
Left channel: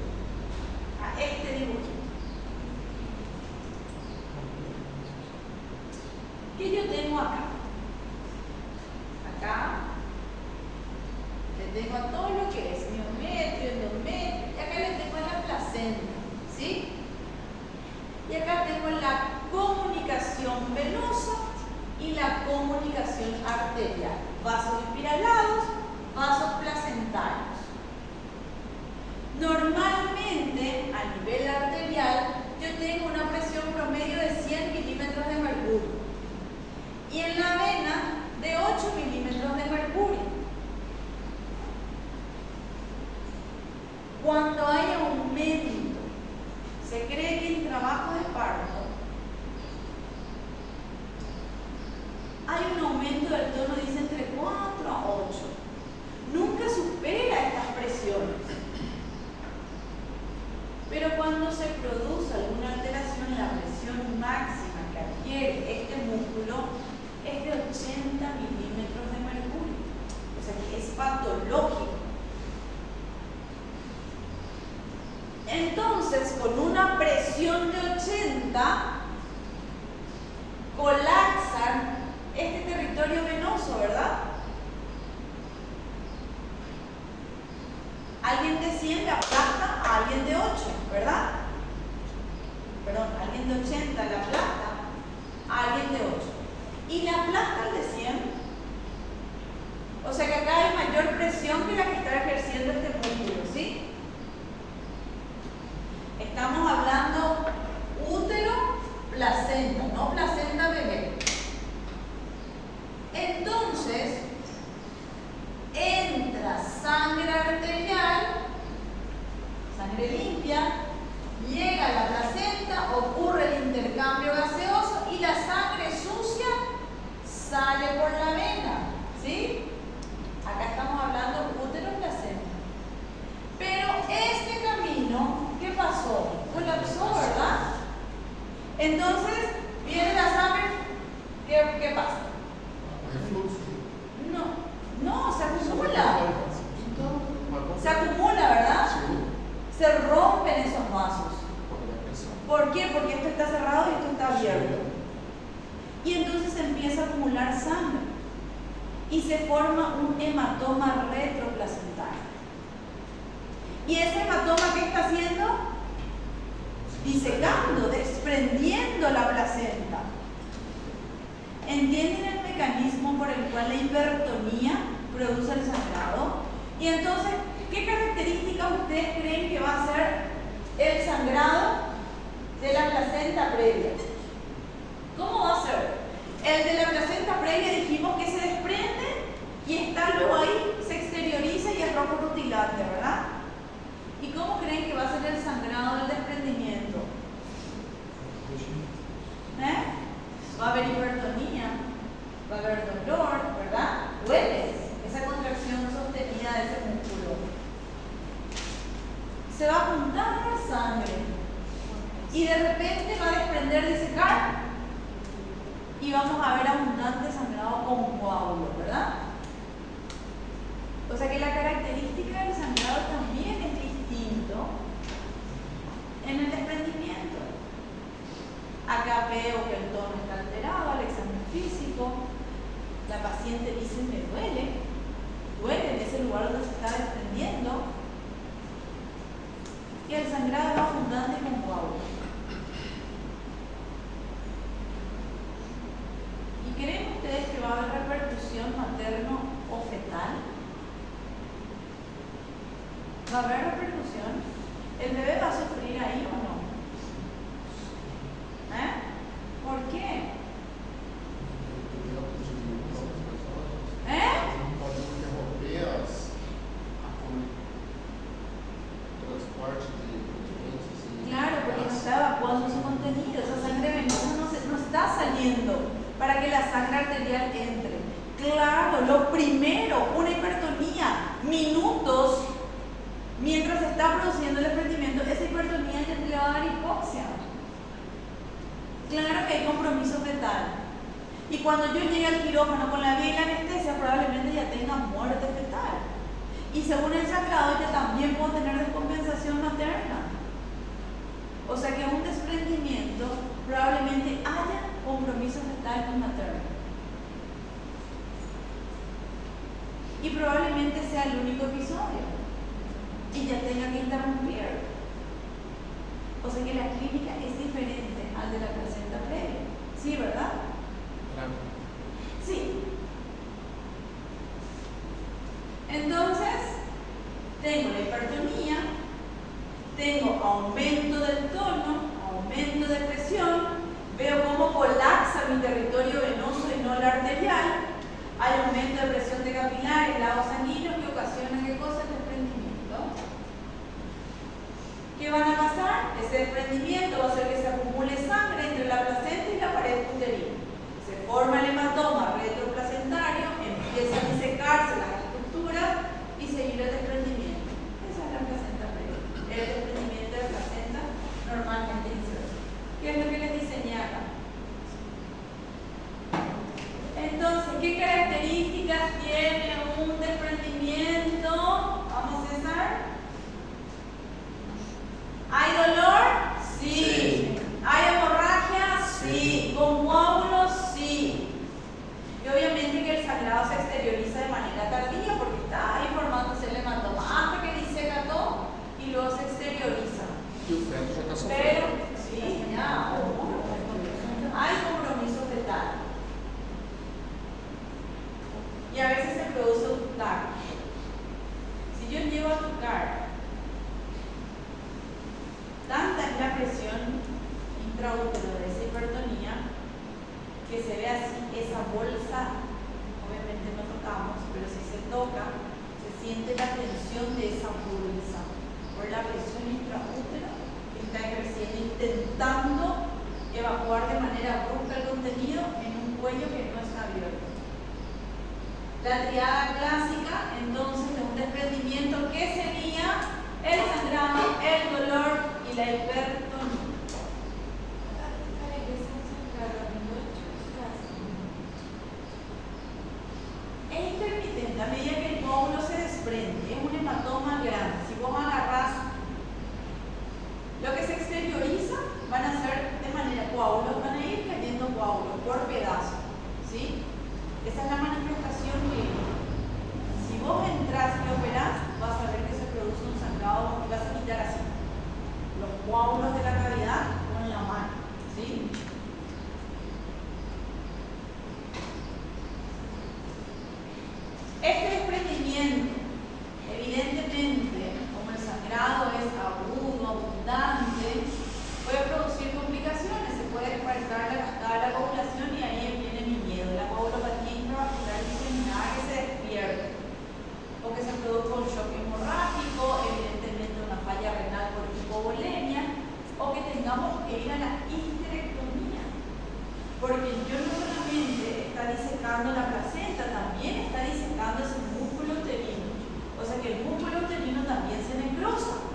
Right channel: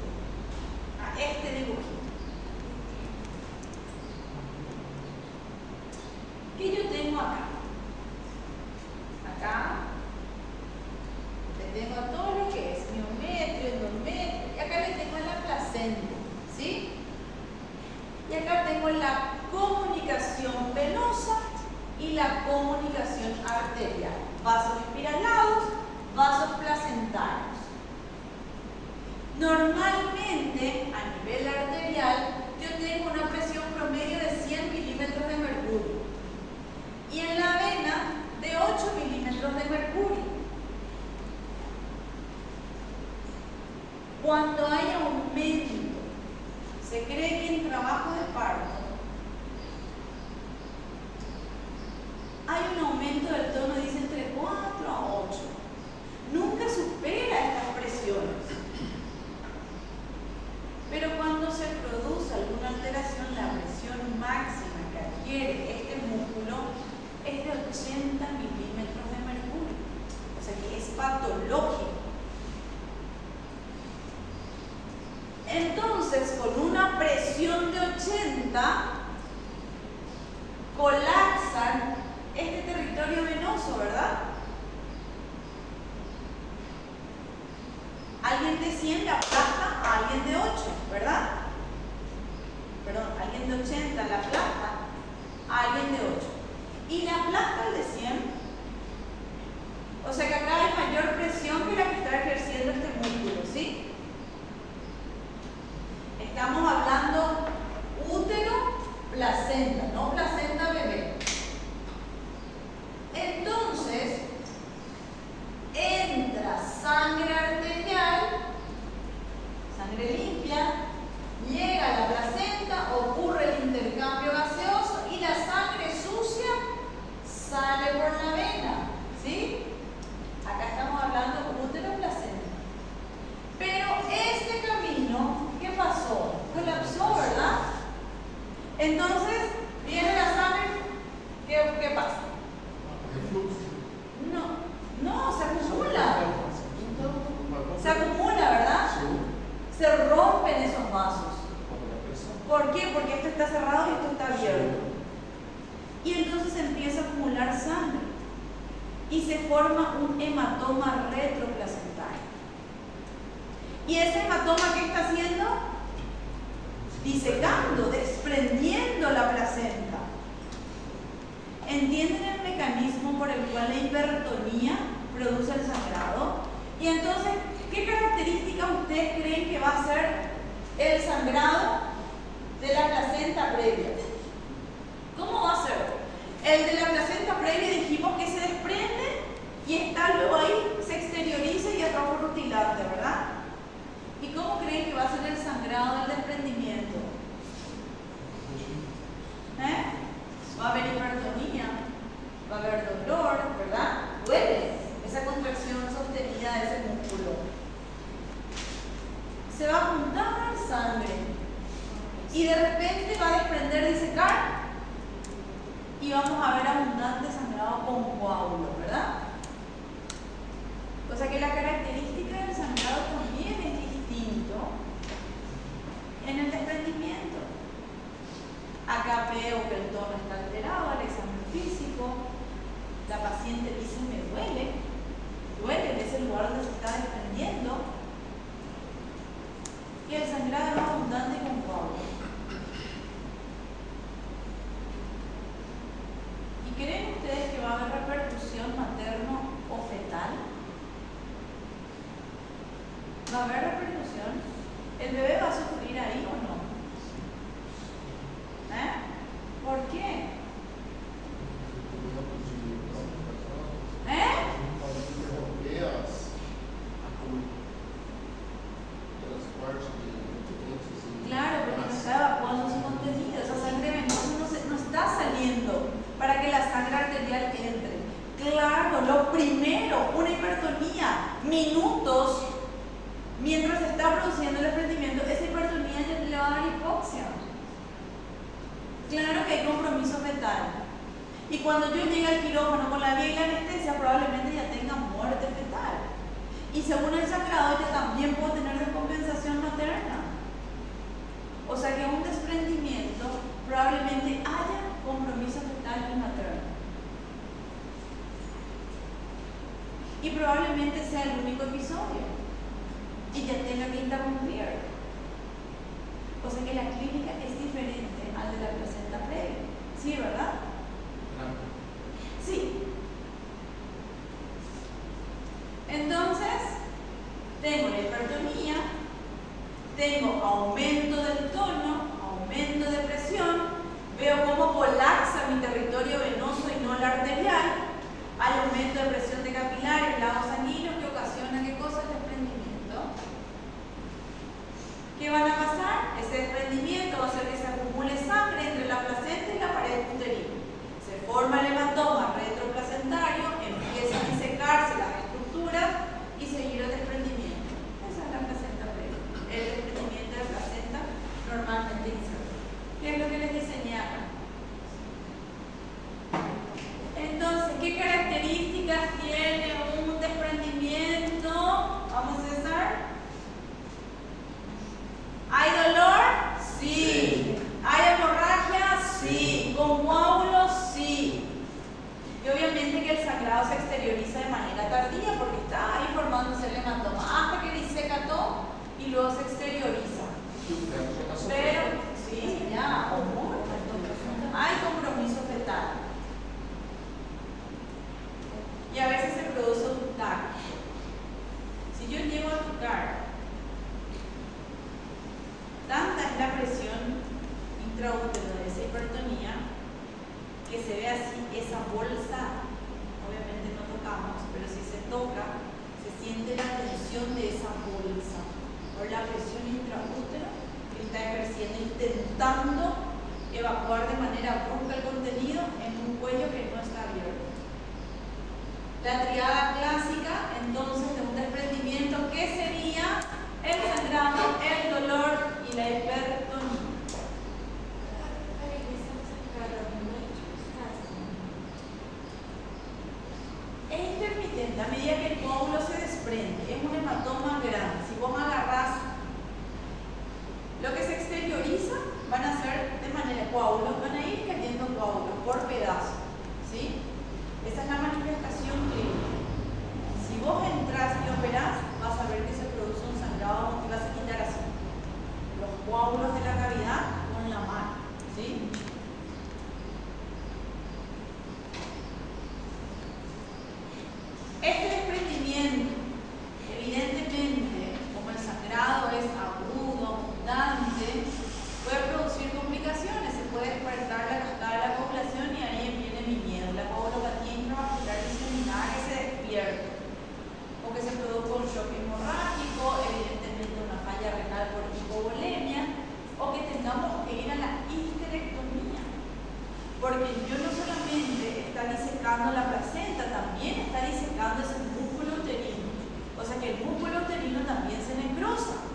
a este dibujito. ¿Qué yo tengo acá? Acá le tengo a todo lo que es miometrio, endometrio, y acá le tengo la placenta, ¿sí? Y acá tengo la comunicación venosa y la comunicación arterial. Vasos espiralados, vasos placentarios. Normalmente, a nivel arterial, yo tengo una presión promedio de 100 milímetros de mercurio. Y en la vena, de 8 milímetros de mercurio. Cuando hay aumento, se cree que en trabajo de parto hay un aumento del tono, dice entre 4 a 8. Nunca supera estas presiones. Pero cuando se produce alguna alteración, la presión máxima que adquiere este músculo es de 80 milímetros de mercurio. O sea que es patológico. Entonces, con una presión de 80, colapsan este territorio venoso, ¿verdad? Alguien de 100 le aplasta a alguien de 8, ¿verdad? Perdón, alguien de 80 le aplasta a alguien de 8. Y le aplasta al de 100. O sea que acá hay mayor presión que la que está ejerciendo este músculo, ¿sí? Estamos hablando útero, placenta, no placenta bebé. Entonces, entra sangre arterial, sangre limpia, llega a la placenta, ocurre el intercambio gaseoso y la sangre sucia sale por la vena, ¿sí? Acá estamos hablando útero, placenta. Pero este camino, ¿qué pasó? Colapsó, ¿verdad? Entonces, viene la sangre, ¿qué pasa? No, se acumula. Se acumula, ¿verdad? Se rompen esos vasos. ¿Por qué? Porque esto está cerrado y esto está abierto. Y entonces empieza a acumular sangre. Y se forma un hematoma retroplacentario. ¿Y ese hematoma qué está haciendo? Disecando, desprendiendo la placenta. ¿Entienden el mecanismo por el cual la hipertonía produce el sangrado? Y entonces, ¿qué características ustedes creen que va a ser el sangrado de la placenta previa? ¿Cómo va a ser? El de la placenta previa dijimos que se desprende y está luego ahí, se exterioriza y es rojo rutilante, ¿verdad? ¿Y cómo creen que va a ser el sangrado del desprendimiento? Va a haber hipertonía, va a haber dolor, ¿verdad? Duele esa contracción sostenida de ese músculo. se va a juntar sangre y de repente va a desprender, disecar, y vamos a ver abundante sangrado con coágulos, ¿verdad? O sea que la característica del sangrado también es distinto en el desprendimiento. Acá veo que el tono está alterado al examen físico. La paciente dice: me duele en ese lugar donde se está desprendiendo. Y el sangrado es abundante con coágulos. ¿Y creen ustedes que va a haber repercusión materno o fetal? ¿Va a haber repercusión? ¿El bebé va a sufrir ahí o no? ¿Por qué? Claro, porque no está evacuando su contenido. Esa sangre venosa no está saliendo para que la sangre arterial entre. Claro, lo primero, una hipertonía, minutos mientras se está produciendo el desprendimiento, esa hipertonía ya le va a dar hipoxia. Claro que hay compromiso fetal. Y cuando yo llegue al quirófano con la vía y la anestesia, probablemente ya tenga muerte fetal. Y según el sangrado, yo también puedo tener descompensación materna. O sea que un desprendimiento probablemente haya compromiso fetal y materno. Y probablemente sea el único episodio. Y ya tenga que interrumpir. O sea que la clínica es diferente al de la placenta previa. ¿Sí, verdad? Claro. Sí. Entonces, tengo la hipertonía, tengo aumento del tono, aumento de presión, veo cómo colapsa mi territorio venoso y no la arterial, hay aumento de presión de capilares, lagos sanguíneos que ocasiona ¿qué cosa? El desprendimiento. ¿Qué van a pasar? Ese desprendimiento va a hacer que se acumule sangre entre la placenta y la pared uterina. Se forma el hematoma retroplacentario, empieza a disecarse las estructuras y seguir el desprendimiento. Esa es la placenta previa. El desprendimiento de la placenta normalmente inserta. ¿Qué es lo que les diseñé acá? Entonces, ¿qué características tiene un desprendimiento? Vamos, César. ¿Hay dolor? Sí. ¿Hay hemorragia? Sí. ¿Con coágulos? Sí. Y obviamente que el sangrado se exterioriza de manera tardía porque está ahí formándose el hematoma hasta que diseca todo y luego se exterioriza. Pero, sí, ya ocurre. Hay compromiso fetal. Y a veces se produce tucar. Si yo llego a tucar, tanta es la presión intraútero de esa hipertonía que se ve así, esa bolsa, obviamente no tocamos, pero si se toca, se siente la tensión de esa bolsa por la presión intraútero que está creciendo, intentando evacuar de manera brusca el contenido en un cuello que no está abierto. La triada clásica, entonces, de un desprendimiento, ¿qué sería? El sangrado, el dolor y la hipertonía. Es intermitente, a medida que el coágulo se desprende, es un hematoma grande. Si vos agarrás lo que se exterioriza, van a ser de manera coágulos, van a ir cayendo coágulos por pedazos, ¿sí? Esa es la manifestación clínica. Si vos entras y operás, vas a ver que se produce un sangrado, vas a quitar así los coágulos de la cavidad con la mano, ¿sí? Este desprendimiento, evidentemente, como el sangrado es agudo, abundante, puede producir complicaciones. Se puede despertar la cascada de la coagulación y ahí viene mi miedo. La coagulopatía intravascular diseminada que se despierta. O que se produzca un shock hemorrágico, evidentemente una falla renal por hipovolemia, o que tengamos que ir a la histerectomía. Porque yo no solamente está disecando la placenta, también está disecando ese músculo uterino. O sea que el músculo uterino también se necrosa.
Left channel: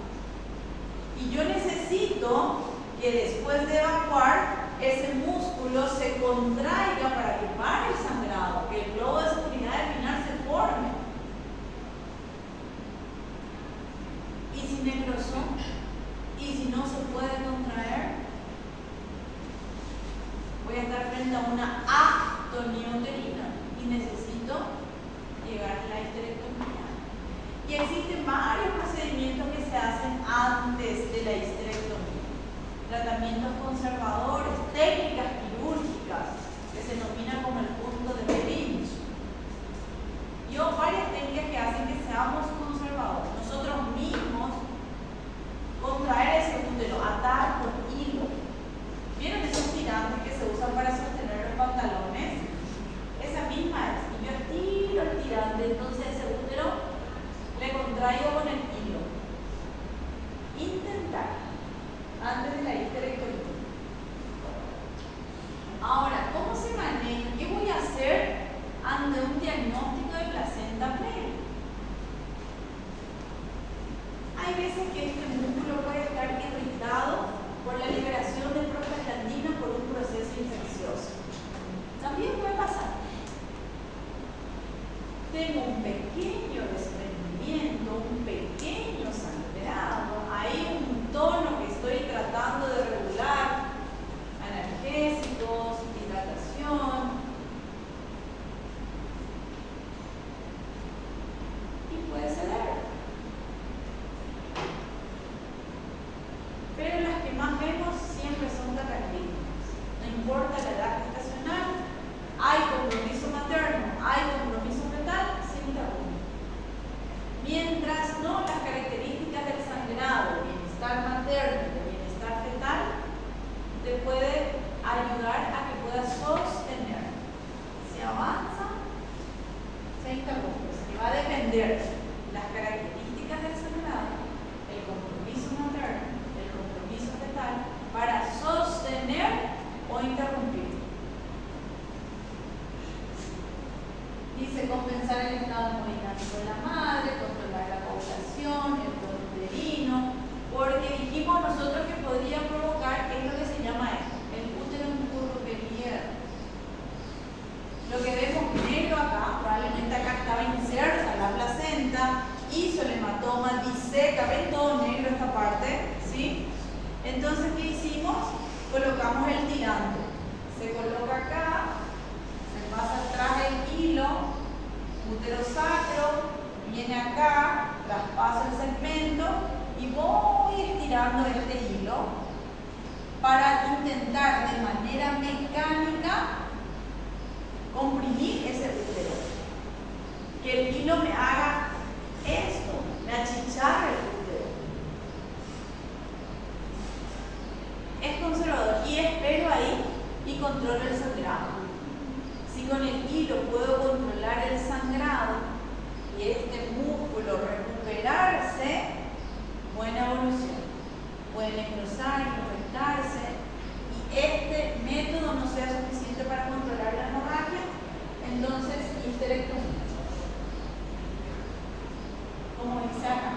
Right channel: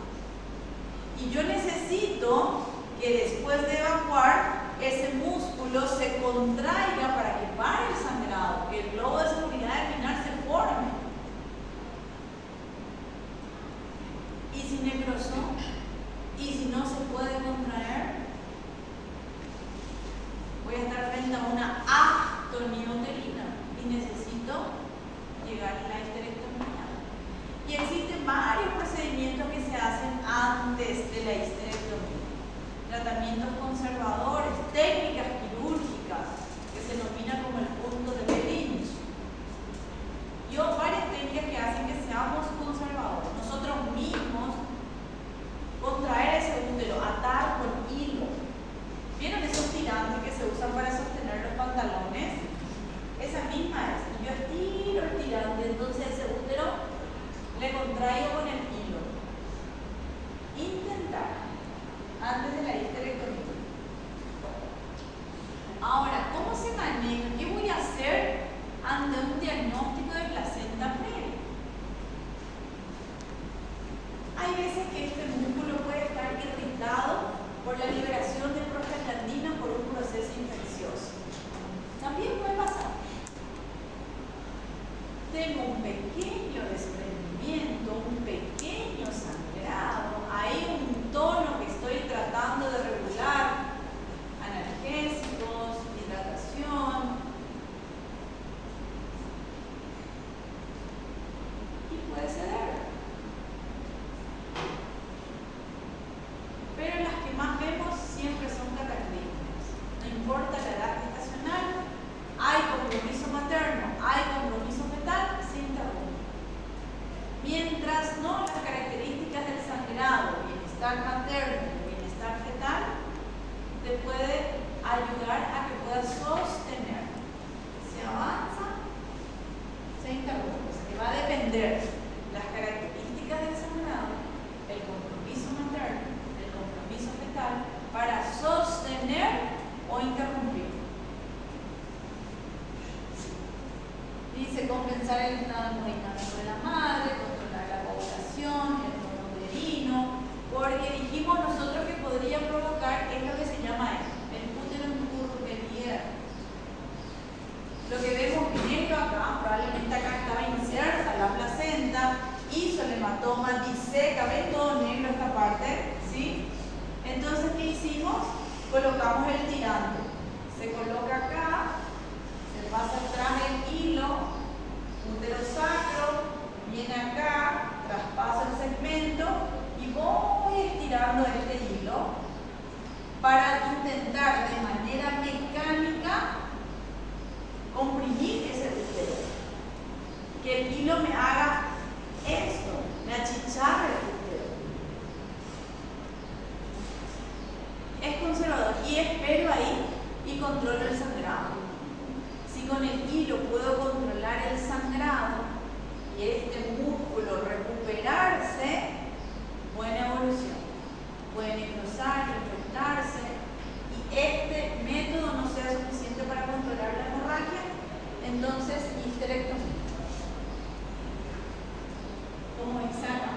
Y yo necesito que después de evacuar, ese músculo se contraiga para que pare el sangrado, que el globo de seguridad epinar se forme. ¿Y si necrosó? ¿Y si no se puede contraer? Voy a estar frente a una atonía uterina y necesito llegar a la histerectomía. Y existen varios procedimientos que se hacen antes de la histerectomía. Tratamientos conservadores, técnicas quirúrgicas, que se denomina como el punto de Lynch. Y varias técnicas que hacen que seamos conservadores. Nosotros mismos contraer ese útero, atar con hilo. ¿Vieron esos tirantes que se usan para sostener los pantalones? Esa misma es. Y yo estiro el tirante, entonces ese útero le contraigo con el hilo. Intentar antes de la histerectomía. Ahora, ¿cómo se maneja? ¿Qué voy a hacer ante un diagnóstico de placenta previa? Hay veces que este músculo puede estar irritado por la liberación de prostaglandina por un proceso infeccioso. También puede pasar. Tengo un pequeño desprendimiento, un pequeño sangrado, hay un tono que estoy tratando de regular, analgésicos, hidratación. Y puede ceder. Pero las que más vemos siempre son cataclísmicas. No importa la edad gestacional, hay compromiso materno, hay compromiso fetal, se interrumpe. Mientras no, las características del sangrado, bienestar materno y bienestar fetal, te puede ayudar a que puedas sostener. Si avanza, se interrumpe. Se va a depender las características del sangrado, el compromiso materno, el compromiso fetal, para sostener o interrumpir. Dice compensar el estado hemodinámico de la madre, controlar la coagulación, el tono uterino, porque dijimos nosotros que podría provocar, es lo que se llama el útero encurvamiento. Lo que vemos negro acá, probablemente acá estaba inserta la placenta, hizo el hematoma, diseca, ven todo negro esta parte, ¿sí? Entonces, ¿qué hicimos? Colocamos el tirante. Se coloca acá, se pasa atrás el hilo, útero sacro, viene acá, traspaso el segmento y voy estirando este hilo para intentar de manera mecánica comprimir ese útero. Que el hilo me haga esto, me achicharre el útero. Es conservador y espero ahí y controlo el sangrado. Si con el hilo puedo controlar el sangrado y este músculo recuperarse, buena evolución. Pueden necrosar, infectarse y este método no sea suficiente para controlar la hemorragia, entonces histerectomía. Como dice acá.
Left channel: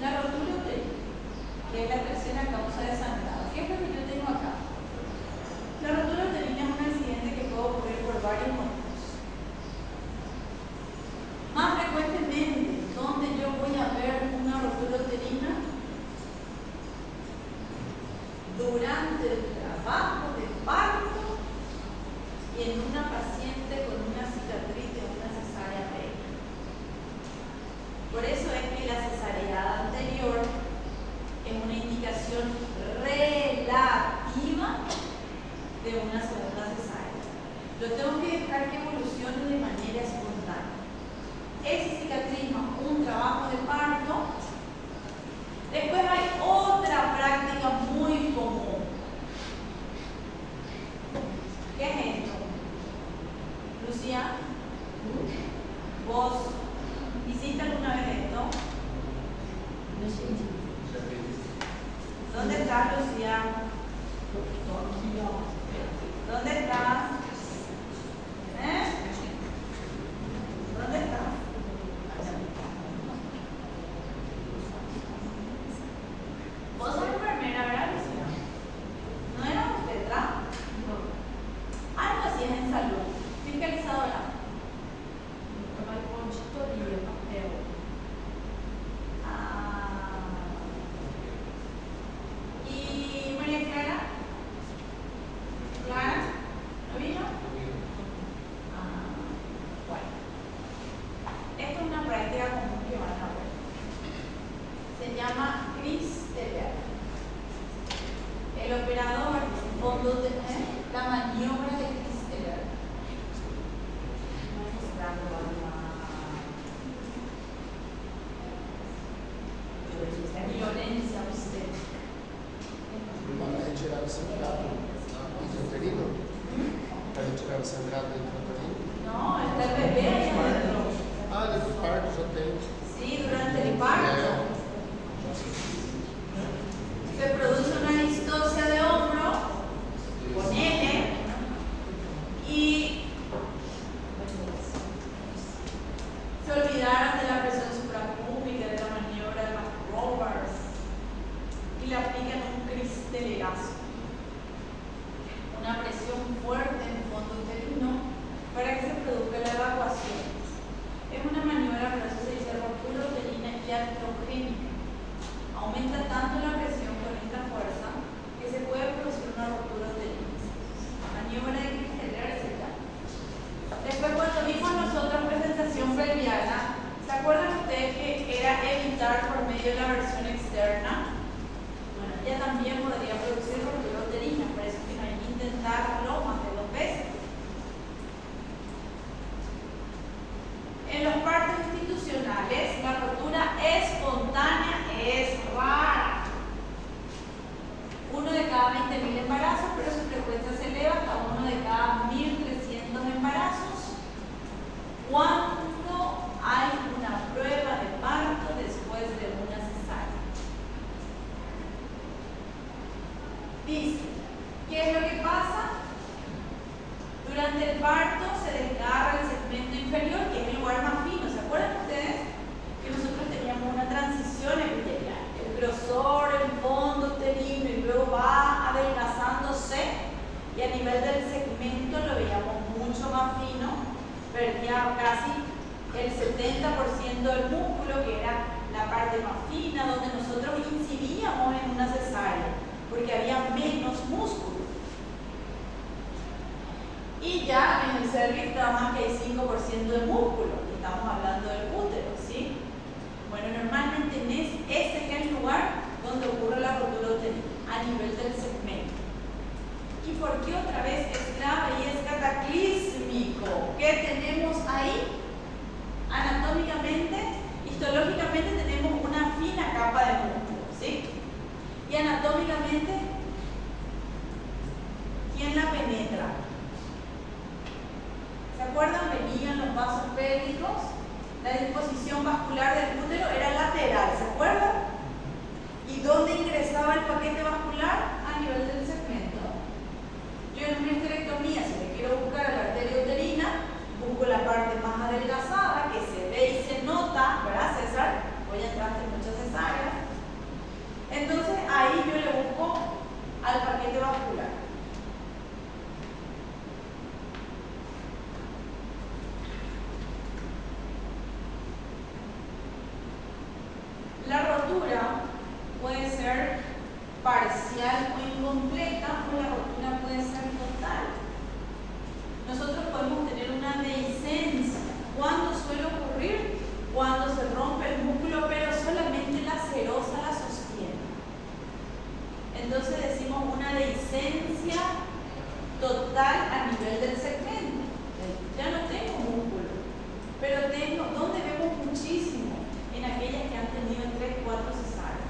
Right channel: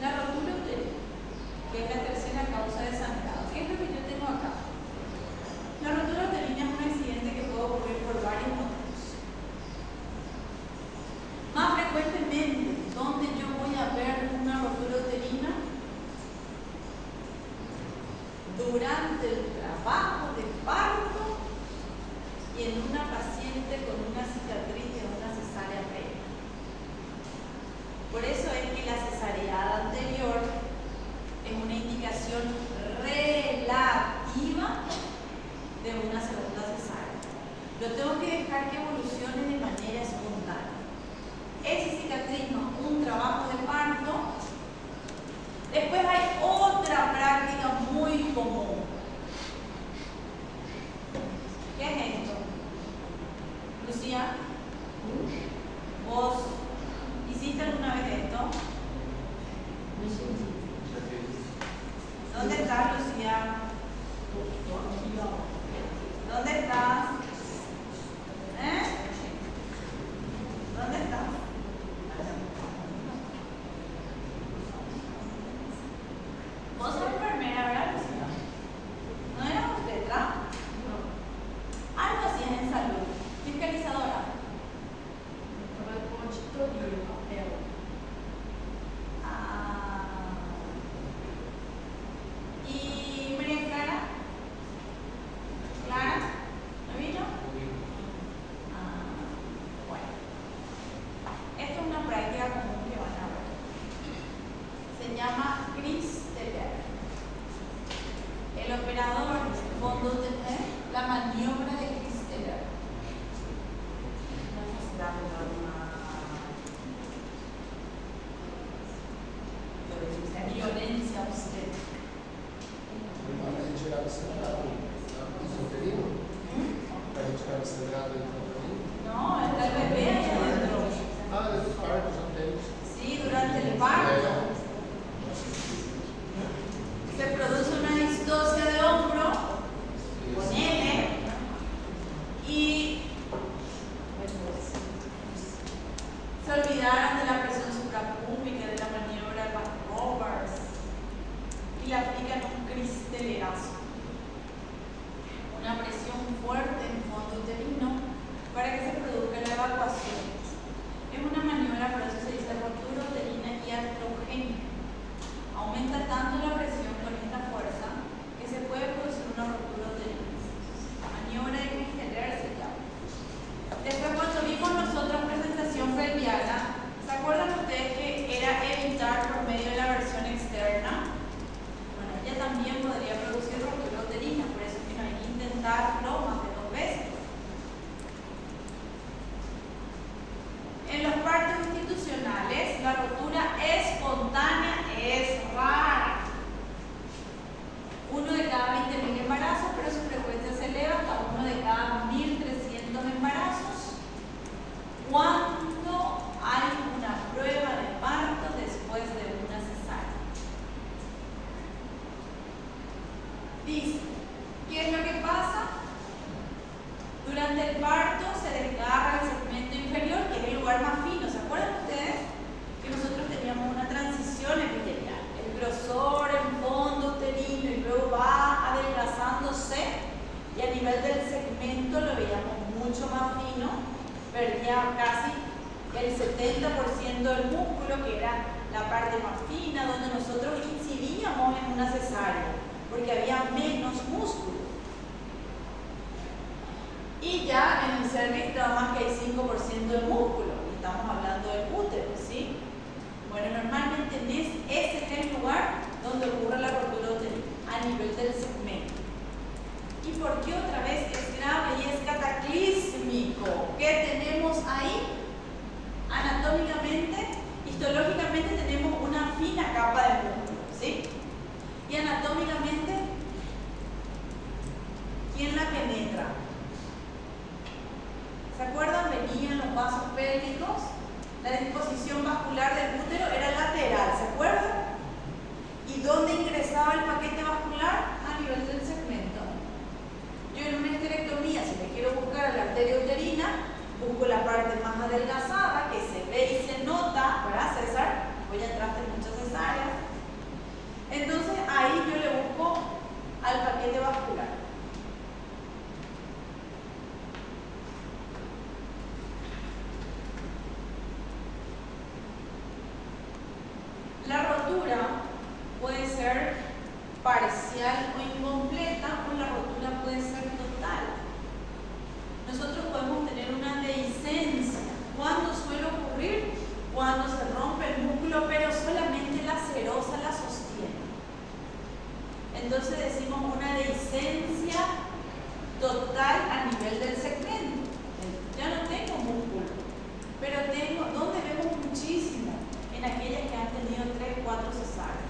La rotura uterina, que es la tercera causa de sangrado. ¿Qué es lo que yo tengo acá? La rotura uterina es un accidente que puede ocurrir por varios motivos. Más frecuentemente, ¿dónde yo voy a ver una rotura uterina? Durante el trabajo de parto y en una paciente con una cicatriz de una cesárea previa. Por eso es que la cesárea anterior es una indicación relativa de una segunda cesárea. Lo tengo que dejar que evolucione de manera espontánea. Ese cicatrismo, un trabajo de parto. Después hay otra práctica muy común. ¿Qué es esto? Lucía, ¿vos hiciste alguna vez esto? ¿Dónde estás, Lucía? ¿Dónde estás? ¿Dónde estás? operador, fondo de la maniobra de Christeler. Violencia obstétrica. Ma lei c'era assegnato il periodo? Lei c'era assegnato il trattamento? No, está el bebé ahí adentro. Ah, nel parto già tempo. Sí, durante el parto se produce una distosia de hombro con N y se olvidaron de la presión suprapúbica, de la maniobra de los rovers y le aplican un cristelerazo, una presión fuerte en el fondo uterino para que se produzca la evacuación. Es una maniobra, por eso se dice ruptura uterina iatrogénica. Aumenta tanto la presión con esta fuerza que se puede producir una ruptura uterina. Maniobra de Christeler se llama. Después, cuando vimos nosotros presentación pelviana, ¿se acuerdan ustedes que era evitar por medio de la versión externa? Bueno, ella también podría producir ruptura uterina, por eso que no hay que intentarlo más de 2 veces. En los partos institucionales, la rotura espontánea es rara. 1 de cada 20.000 embarazos, pero su frecuencia se eleva hasta 1 de cada 1.300 embarazos cuando hay una prueba de parto después de una cesárea. Dice, ¿qué es lo que pasa? Durante el parto se desgarra el segmento inferior, que es el lugar más fino. ¿Se acuerdan ustedes que nosotros teníamos una transición epitelial? El grosor en fondo uterino y luego va adelgazándose y a nivel del segmento lo veíamos mucho más fino, perdía casi el 70% del músculo, que era la parte más fina, donde nosotros incidíamos en una cesárea, porque había menos músculo. Y ya en el cervix nada más que hay 5% de músculo, estamos hablando del útero, ¿sí? Bueno, normalmente ese es el lugar donde ocurre la rotura uterina, a nivel del segmento. ¿Y por qué otra vez es grave y es cataclísmico? ¿Qué tenemos ahí? Anatómicamente, histológicamente tenemos una fina capa de músculo, ¿sí? Y anatómicamente, ¿quién la penetra? ¿Se acuerdan? Venían los vasos pélvicos, la disposición vascular del útero era lateral, ¿se acuerdan? ¿Y dónde ingresaba el paquete vascular? A nivel del segmento. Yo en una histerectomía, si le quiero buscar a la arteria uterina, busco la parte más adelgazada, que se ve y se nota, ¿verdad, César? Hoy entraste en muchas cesáreas. Entonces ahí yo le busco al paquete vascular. La rotura puede ser parcial o incompleta, o la rotura puede ser total. Nosotros podemos tener una dehiscencia. ¿Cuándo suele ocurrir? Cuando se rompe el músculo, pero solamente la serosa la sostiene. Entonces decimos una dehiscencia total a nivel del segmento. Ya no tengo músculo, pero tengo, ¿dónde vemos muchísimo? En aquellas que han tenido 3, 4 cesáreas.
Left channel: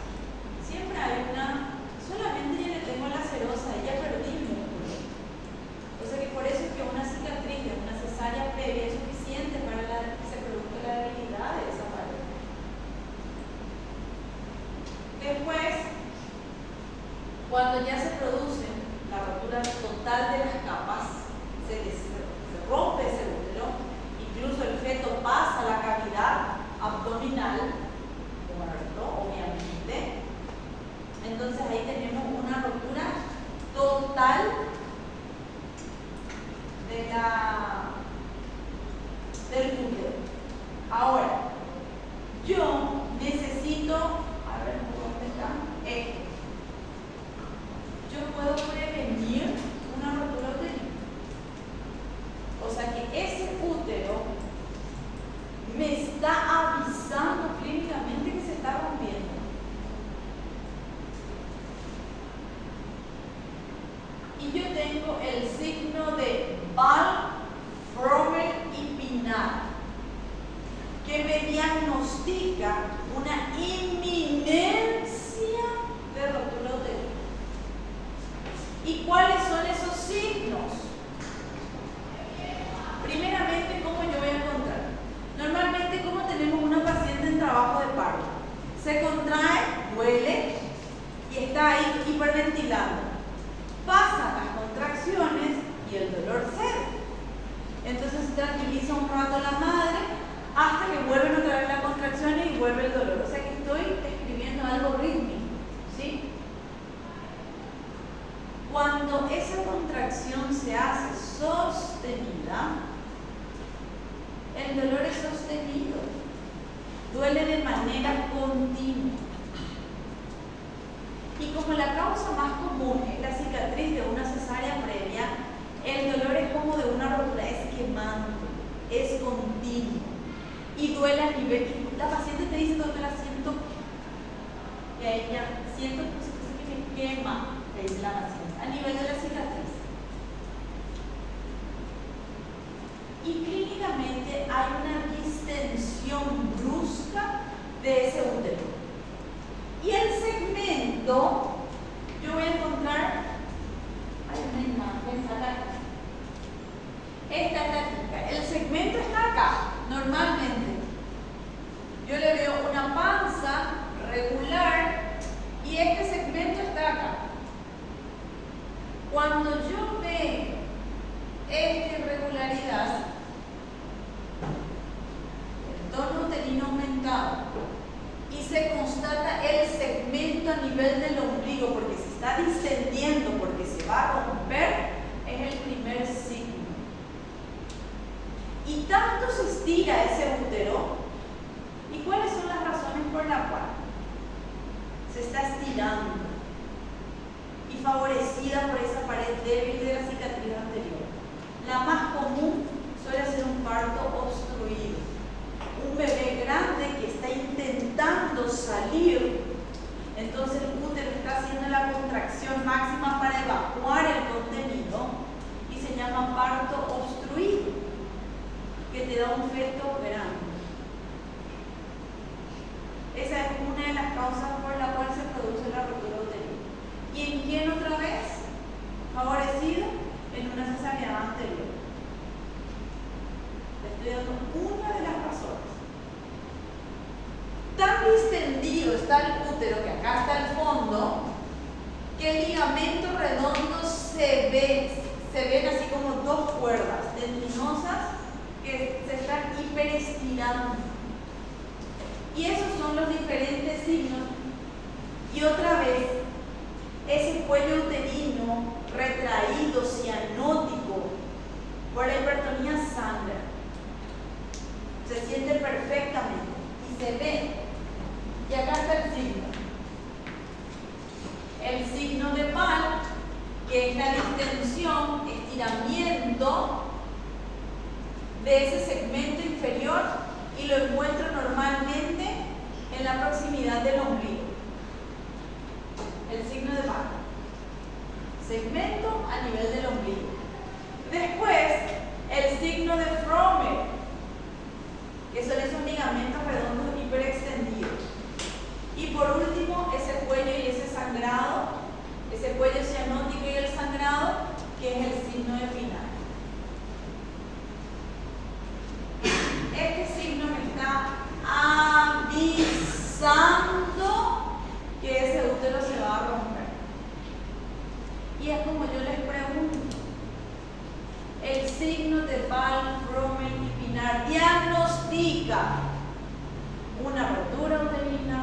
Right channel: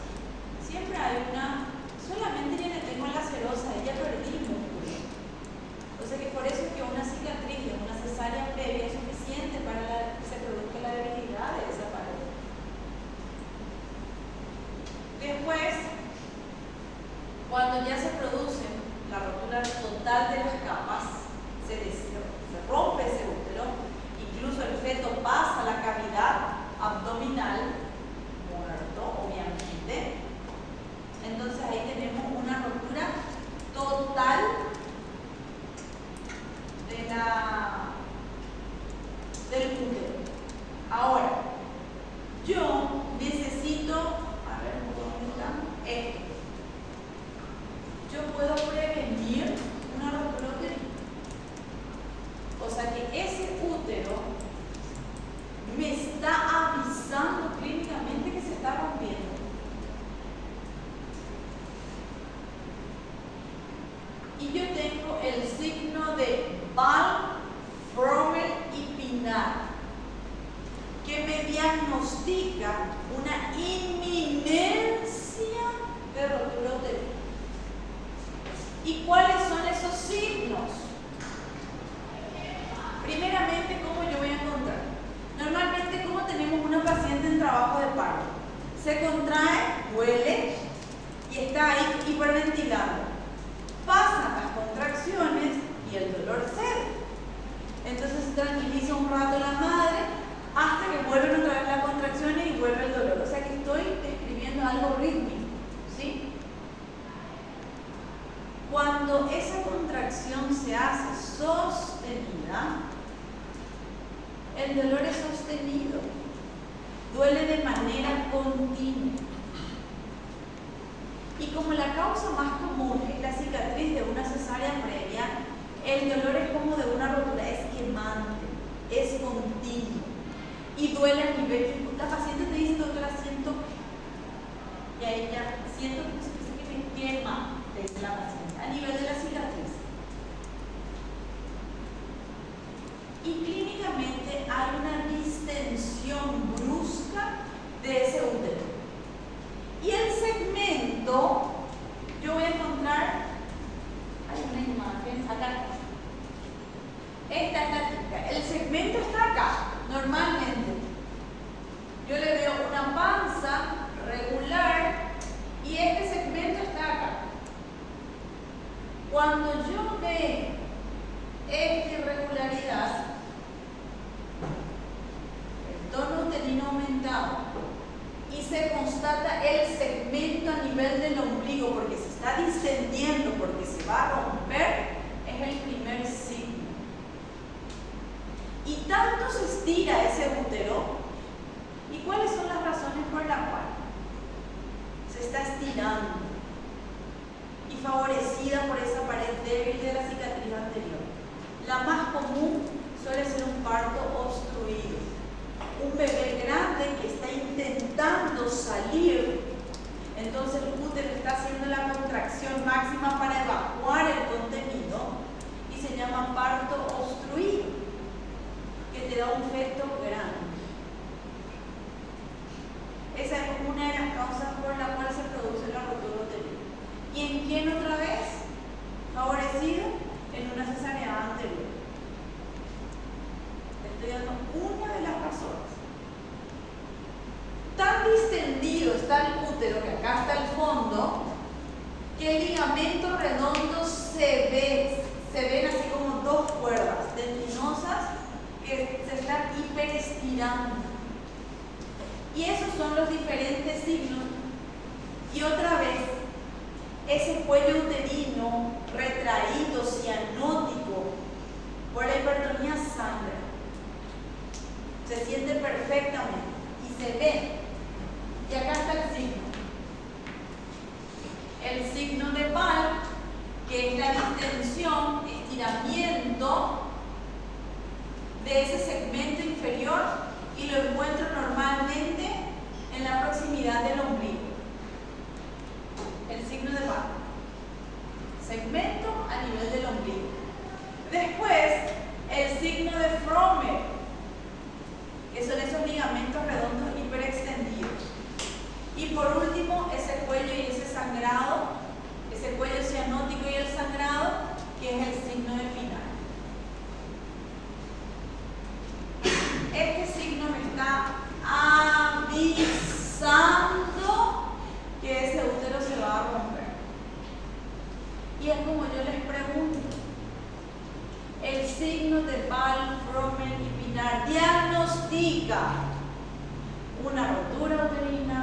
Siempre hay una, solamente yo le tengo la serosa, ya perdí músculo. O sea que por eso es que una cicatriz de una cesárea previa es suficiente para que se produzca la debilidad de esa pared. Después, cuando ya se produce la rotura total de las capas, se rompe ese útero, incluso el feto pasa a la cavidad abdominal, muerto, obviamente. Entonces ahí tenemos una rotura total del útero. Ahora, yo necesito, a ver, ¿dónde está? Esto. Yo puedo prevenir una rotura uterina. O sea el signo de Ball, Frommer y Pinard, que me diagnostica una inminencia de rotura uterina. ¿Y cuáles son esos signos? Primeramente, ¿cómo yo voy a encontrar? Normalmente, ¿cómo tenemos una paciente en trabajo de parto? Se contrae, duele y está ahí hiperventilando. Pasan las contracciones y el dolor cede. Entonces se tranquiliza un rato la madre hasta que vuelven otra vez las contracciones y vuelve el dolor. O sea que estoy escribiendo algo rítmico, ¿sí? Cuando esa contracción se hace sostenida, el dolor es sostenido, duele de manera continua. Y como la causa más común es la cicatriz de una cesárea previa, el dolor es como de una rotura, es quemante, es continuo y duele a nivel. La paciente te dice, doctora, siento, y a ella, siento que me quema, te dice la paciente, a nivel de la cicatriz. Y clínicamente hay una distensión brusca de ese útero. Y el segmento, yo voy a encontrar, hay una imagen acá. Esta es la típica. El segmento está acá, normalmente. Yo le veo una panza regular y este segmento está acá. Cuando yo veo esta irregularidad, el tono uterino aumentado, y se constata el segmento a nivel del ombligo porque se está distendiendo, porque se va a romper, es el primer signo. Y tanto se estira ese útero, ¿y cuáles son las razones por las cuales se está estirando y favorecida por esa pared débil de la cicatriz anterior? La más común suele ser un parto obstruido. Un bebé grande que está intentando salir, entonces el útero está haciendo la contracción máxima para evacuar el contenido y se llama parto obstruido, que te da un feto grande. Esa es una de las causas por la cual se produce la rotura uterina. ¿Y en quién otra vez? Favorecido en una cesárea anterior. Le estoy dando una de las razones. Tan distendido está el útero, que acá está el fondo, que el ligamento redondo se ven así como dos cuerdas tendinosas que se están hiperestirando. Y esos son los diferentes signos. Y otra vez, ese cuello uterino retraído, cianótico, por la hipertonía sangra. Se siente perfectamente y se ve. Y acá está el signo. El signo de Ball, que es la distensión, estiramiento de ese segmento inferior, y lo encuentro normalmente en la proximidad del ombligo. El signo de Ball. Segmento a nivel del ombligo. Después, el signo de Frommer, que son esos ligamentos redondos hiperextendidos. Y por último, ese cuello y ese sangrado, ese cuello cianótico y el sangrado, que es el signo de Pinard. Este signo me está avisando que ese útero se va a romper. Y es como yo les pregunto, el signo de Ball, Frommer y Pinard diagnostica una rotura uterina,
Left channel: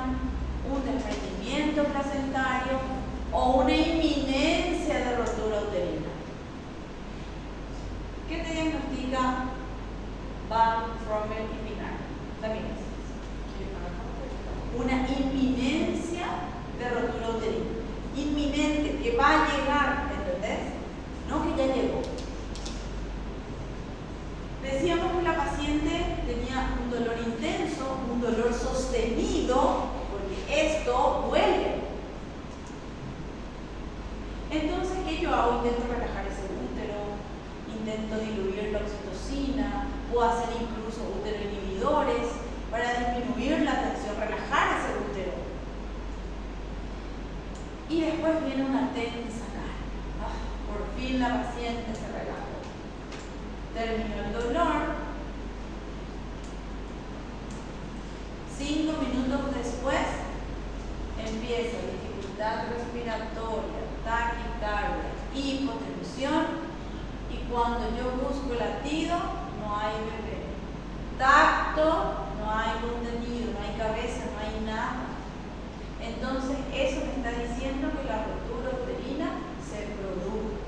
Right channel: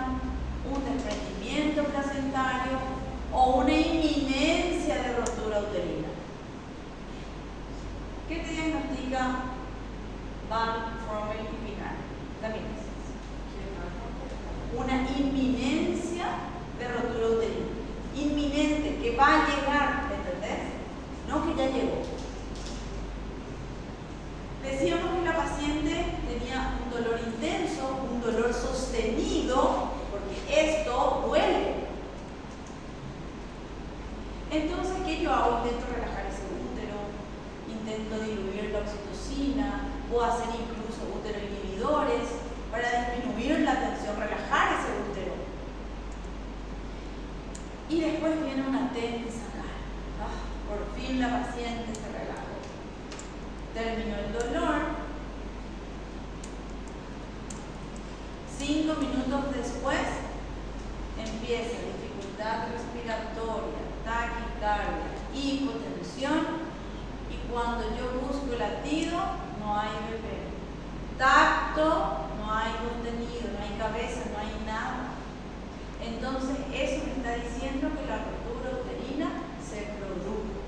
un desprendimiento placentario o una inminencia de rotura uterina. ¿Qué te diagnostica Ball, Frommer y Pinard? También es una inminencia de rotura uterina. Inminente, que va a llegar, ¿entendés? No que ya llegó. Decíamos que la paciente tenía un dolor intenso, un dolor sostenido, porque esto duele. Entonces, ¿qué yo hago? Intento relajar ese útero, intento diluir la oxitocina, puedo hacer incluso útero inhibidores para disminuir la tensión, relajar ese útero. Y después viene una tensa cara. Por fin la paciente se relajó. Terminó el dolor. 5 minutos después empieza dificultad respiratoria, taquicardia, hipotensión, y cuando yo busco latido no hay bebé. Tacto, no hay contenido, no hay cabeza, no hay nada. Entonces eso me está diciendo que la rotura uterina se produjo.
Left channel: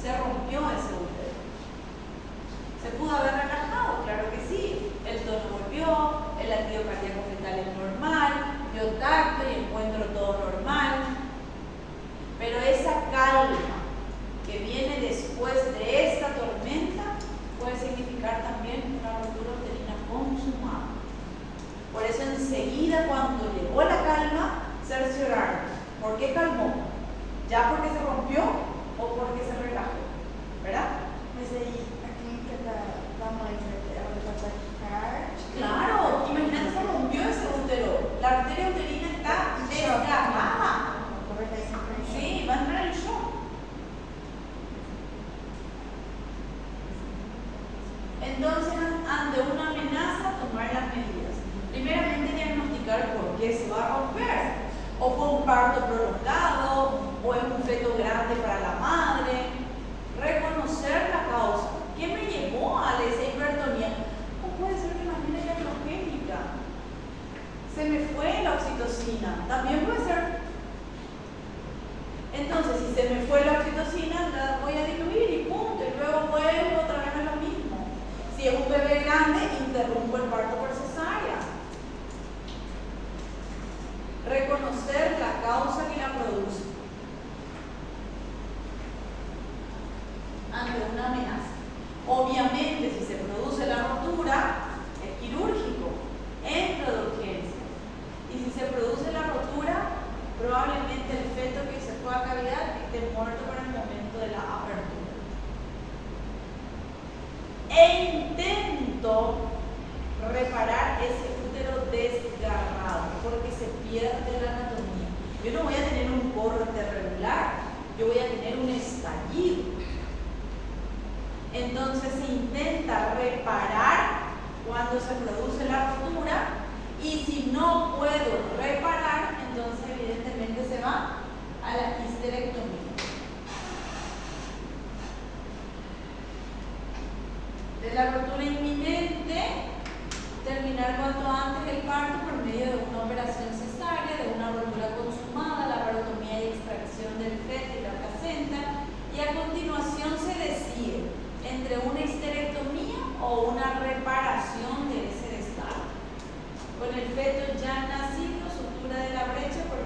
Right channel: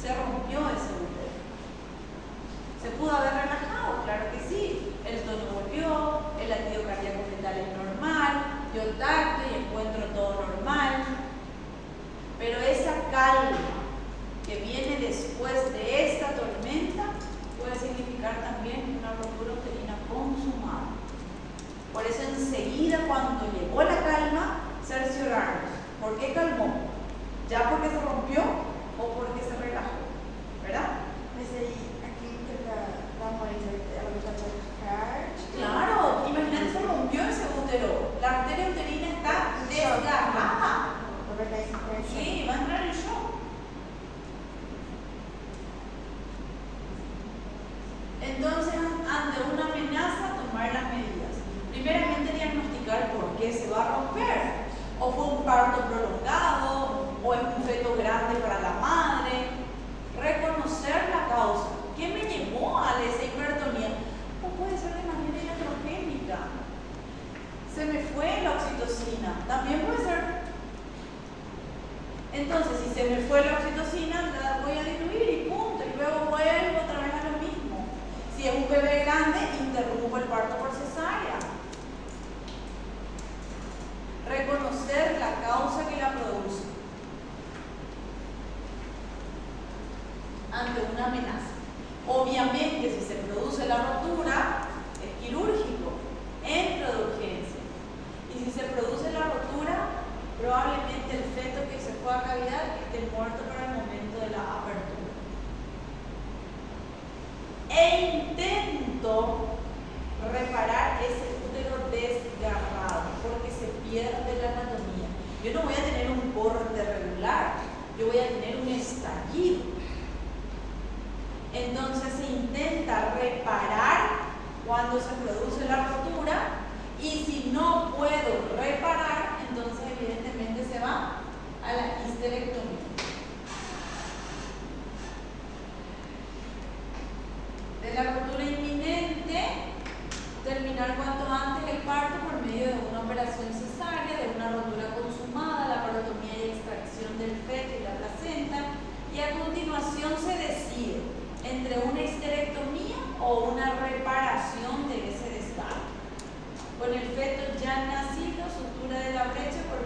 Se rompió ese útero. ¿Se pudo haber relajado? Claro que sí. El tono volvió, el latido cardíaco fetal es normal, yo tacto y encuentro todo normal. Pero esa calma que viene después de esta tormenta puede significar también una rotura uterina consumada. Por eso enseguida cuando llegó la calma, cerciorarnos. ¿Por qué calmó? ¿Ya porque se rompió o porque se relajó? ¿Verdad? Aquí que la muestra de taquicardia. Claro, imagínate, se rompió ese útero. La arteria uterina está desgarrada. Sí, va a entrar en shock. Entonces, ante una amenaza, tomar las medidas. Primeramente, diagnosticar por qué se va a romper. O fue un parto prolongado, o es un feto grande para la madre. Reconocer la causa. ¿Qué me llevó a esa hipertonía? O puede ser de manera iatrogénica. Se me fue la oxitocina. También puede ser. Entonces, si se me fue la oxitocina, la voy a diluir y punto. Y luego vuelvo otra vez a lo mismo. Si es un bebé grande, interrumpo el parto por cesárea. Reconocer la causa que la produce ante una amenaza. Obviamente, si se produce la rotura, es quirúrgico, entra de urgencia. Y si se produce la rotura, probablemente el feto que se fue a cavidad esté muerto para el momento de la apertura. E intento reparar ese útero desgarrado, porque se pierde la anatomía. Yo no voy a tener un corte regular, yo voy a tener un estallido. Entonces se intenta reparar cuando se produce la rotura, y si no puedo reparar, entonces evidentemente se va a la histerectomía. De la rotura inminente, terminar cuanto antes el parto por medio de una operación cesárea, de una rotura consumada, la parotomía y extracción del feto y la placenta, y a continuación se decide entre una histerectomía o una reparación de ese desgarro. Con el feto ya nacido, sutura de la brecha por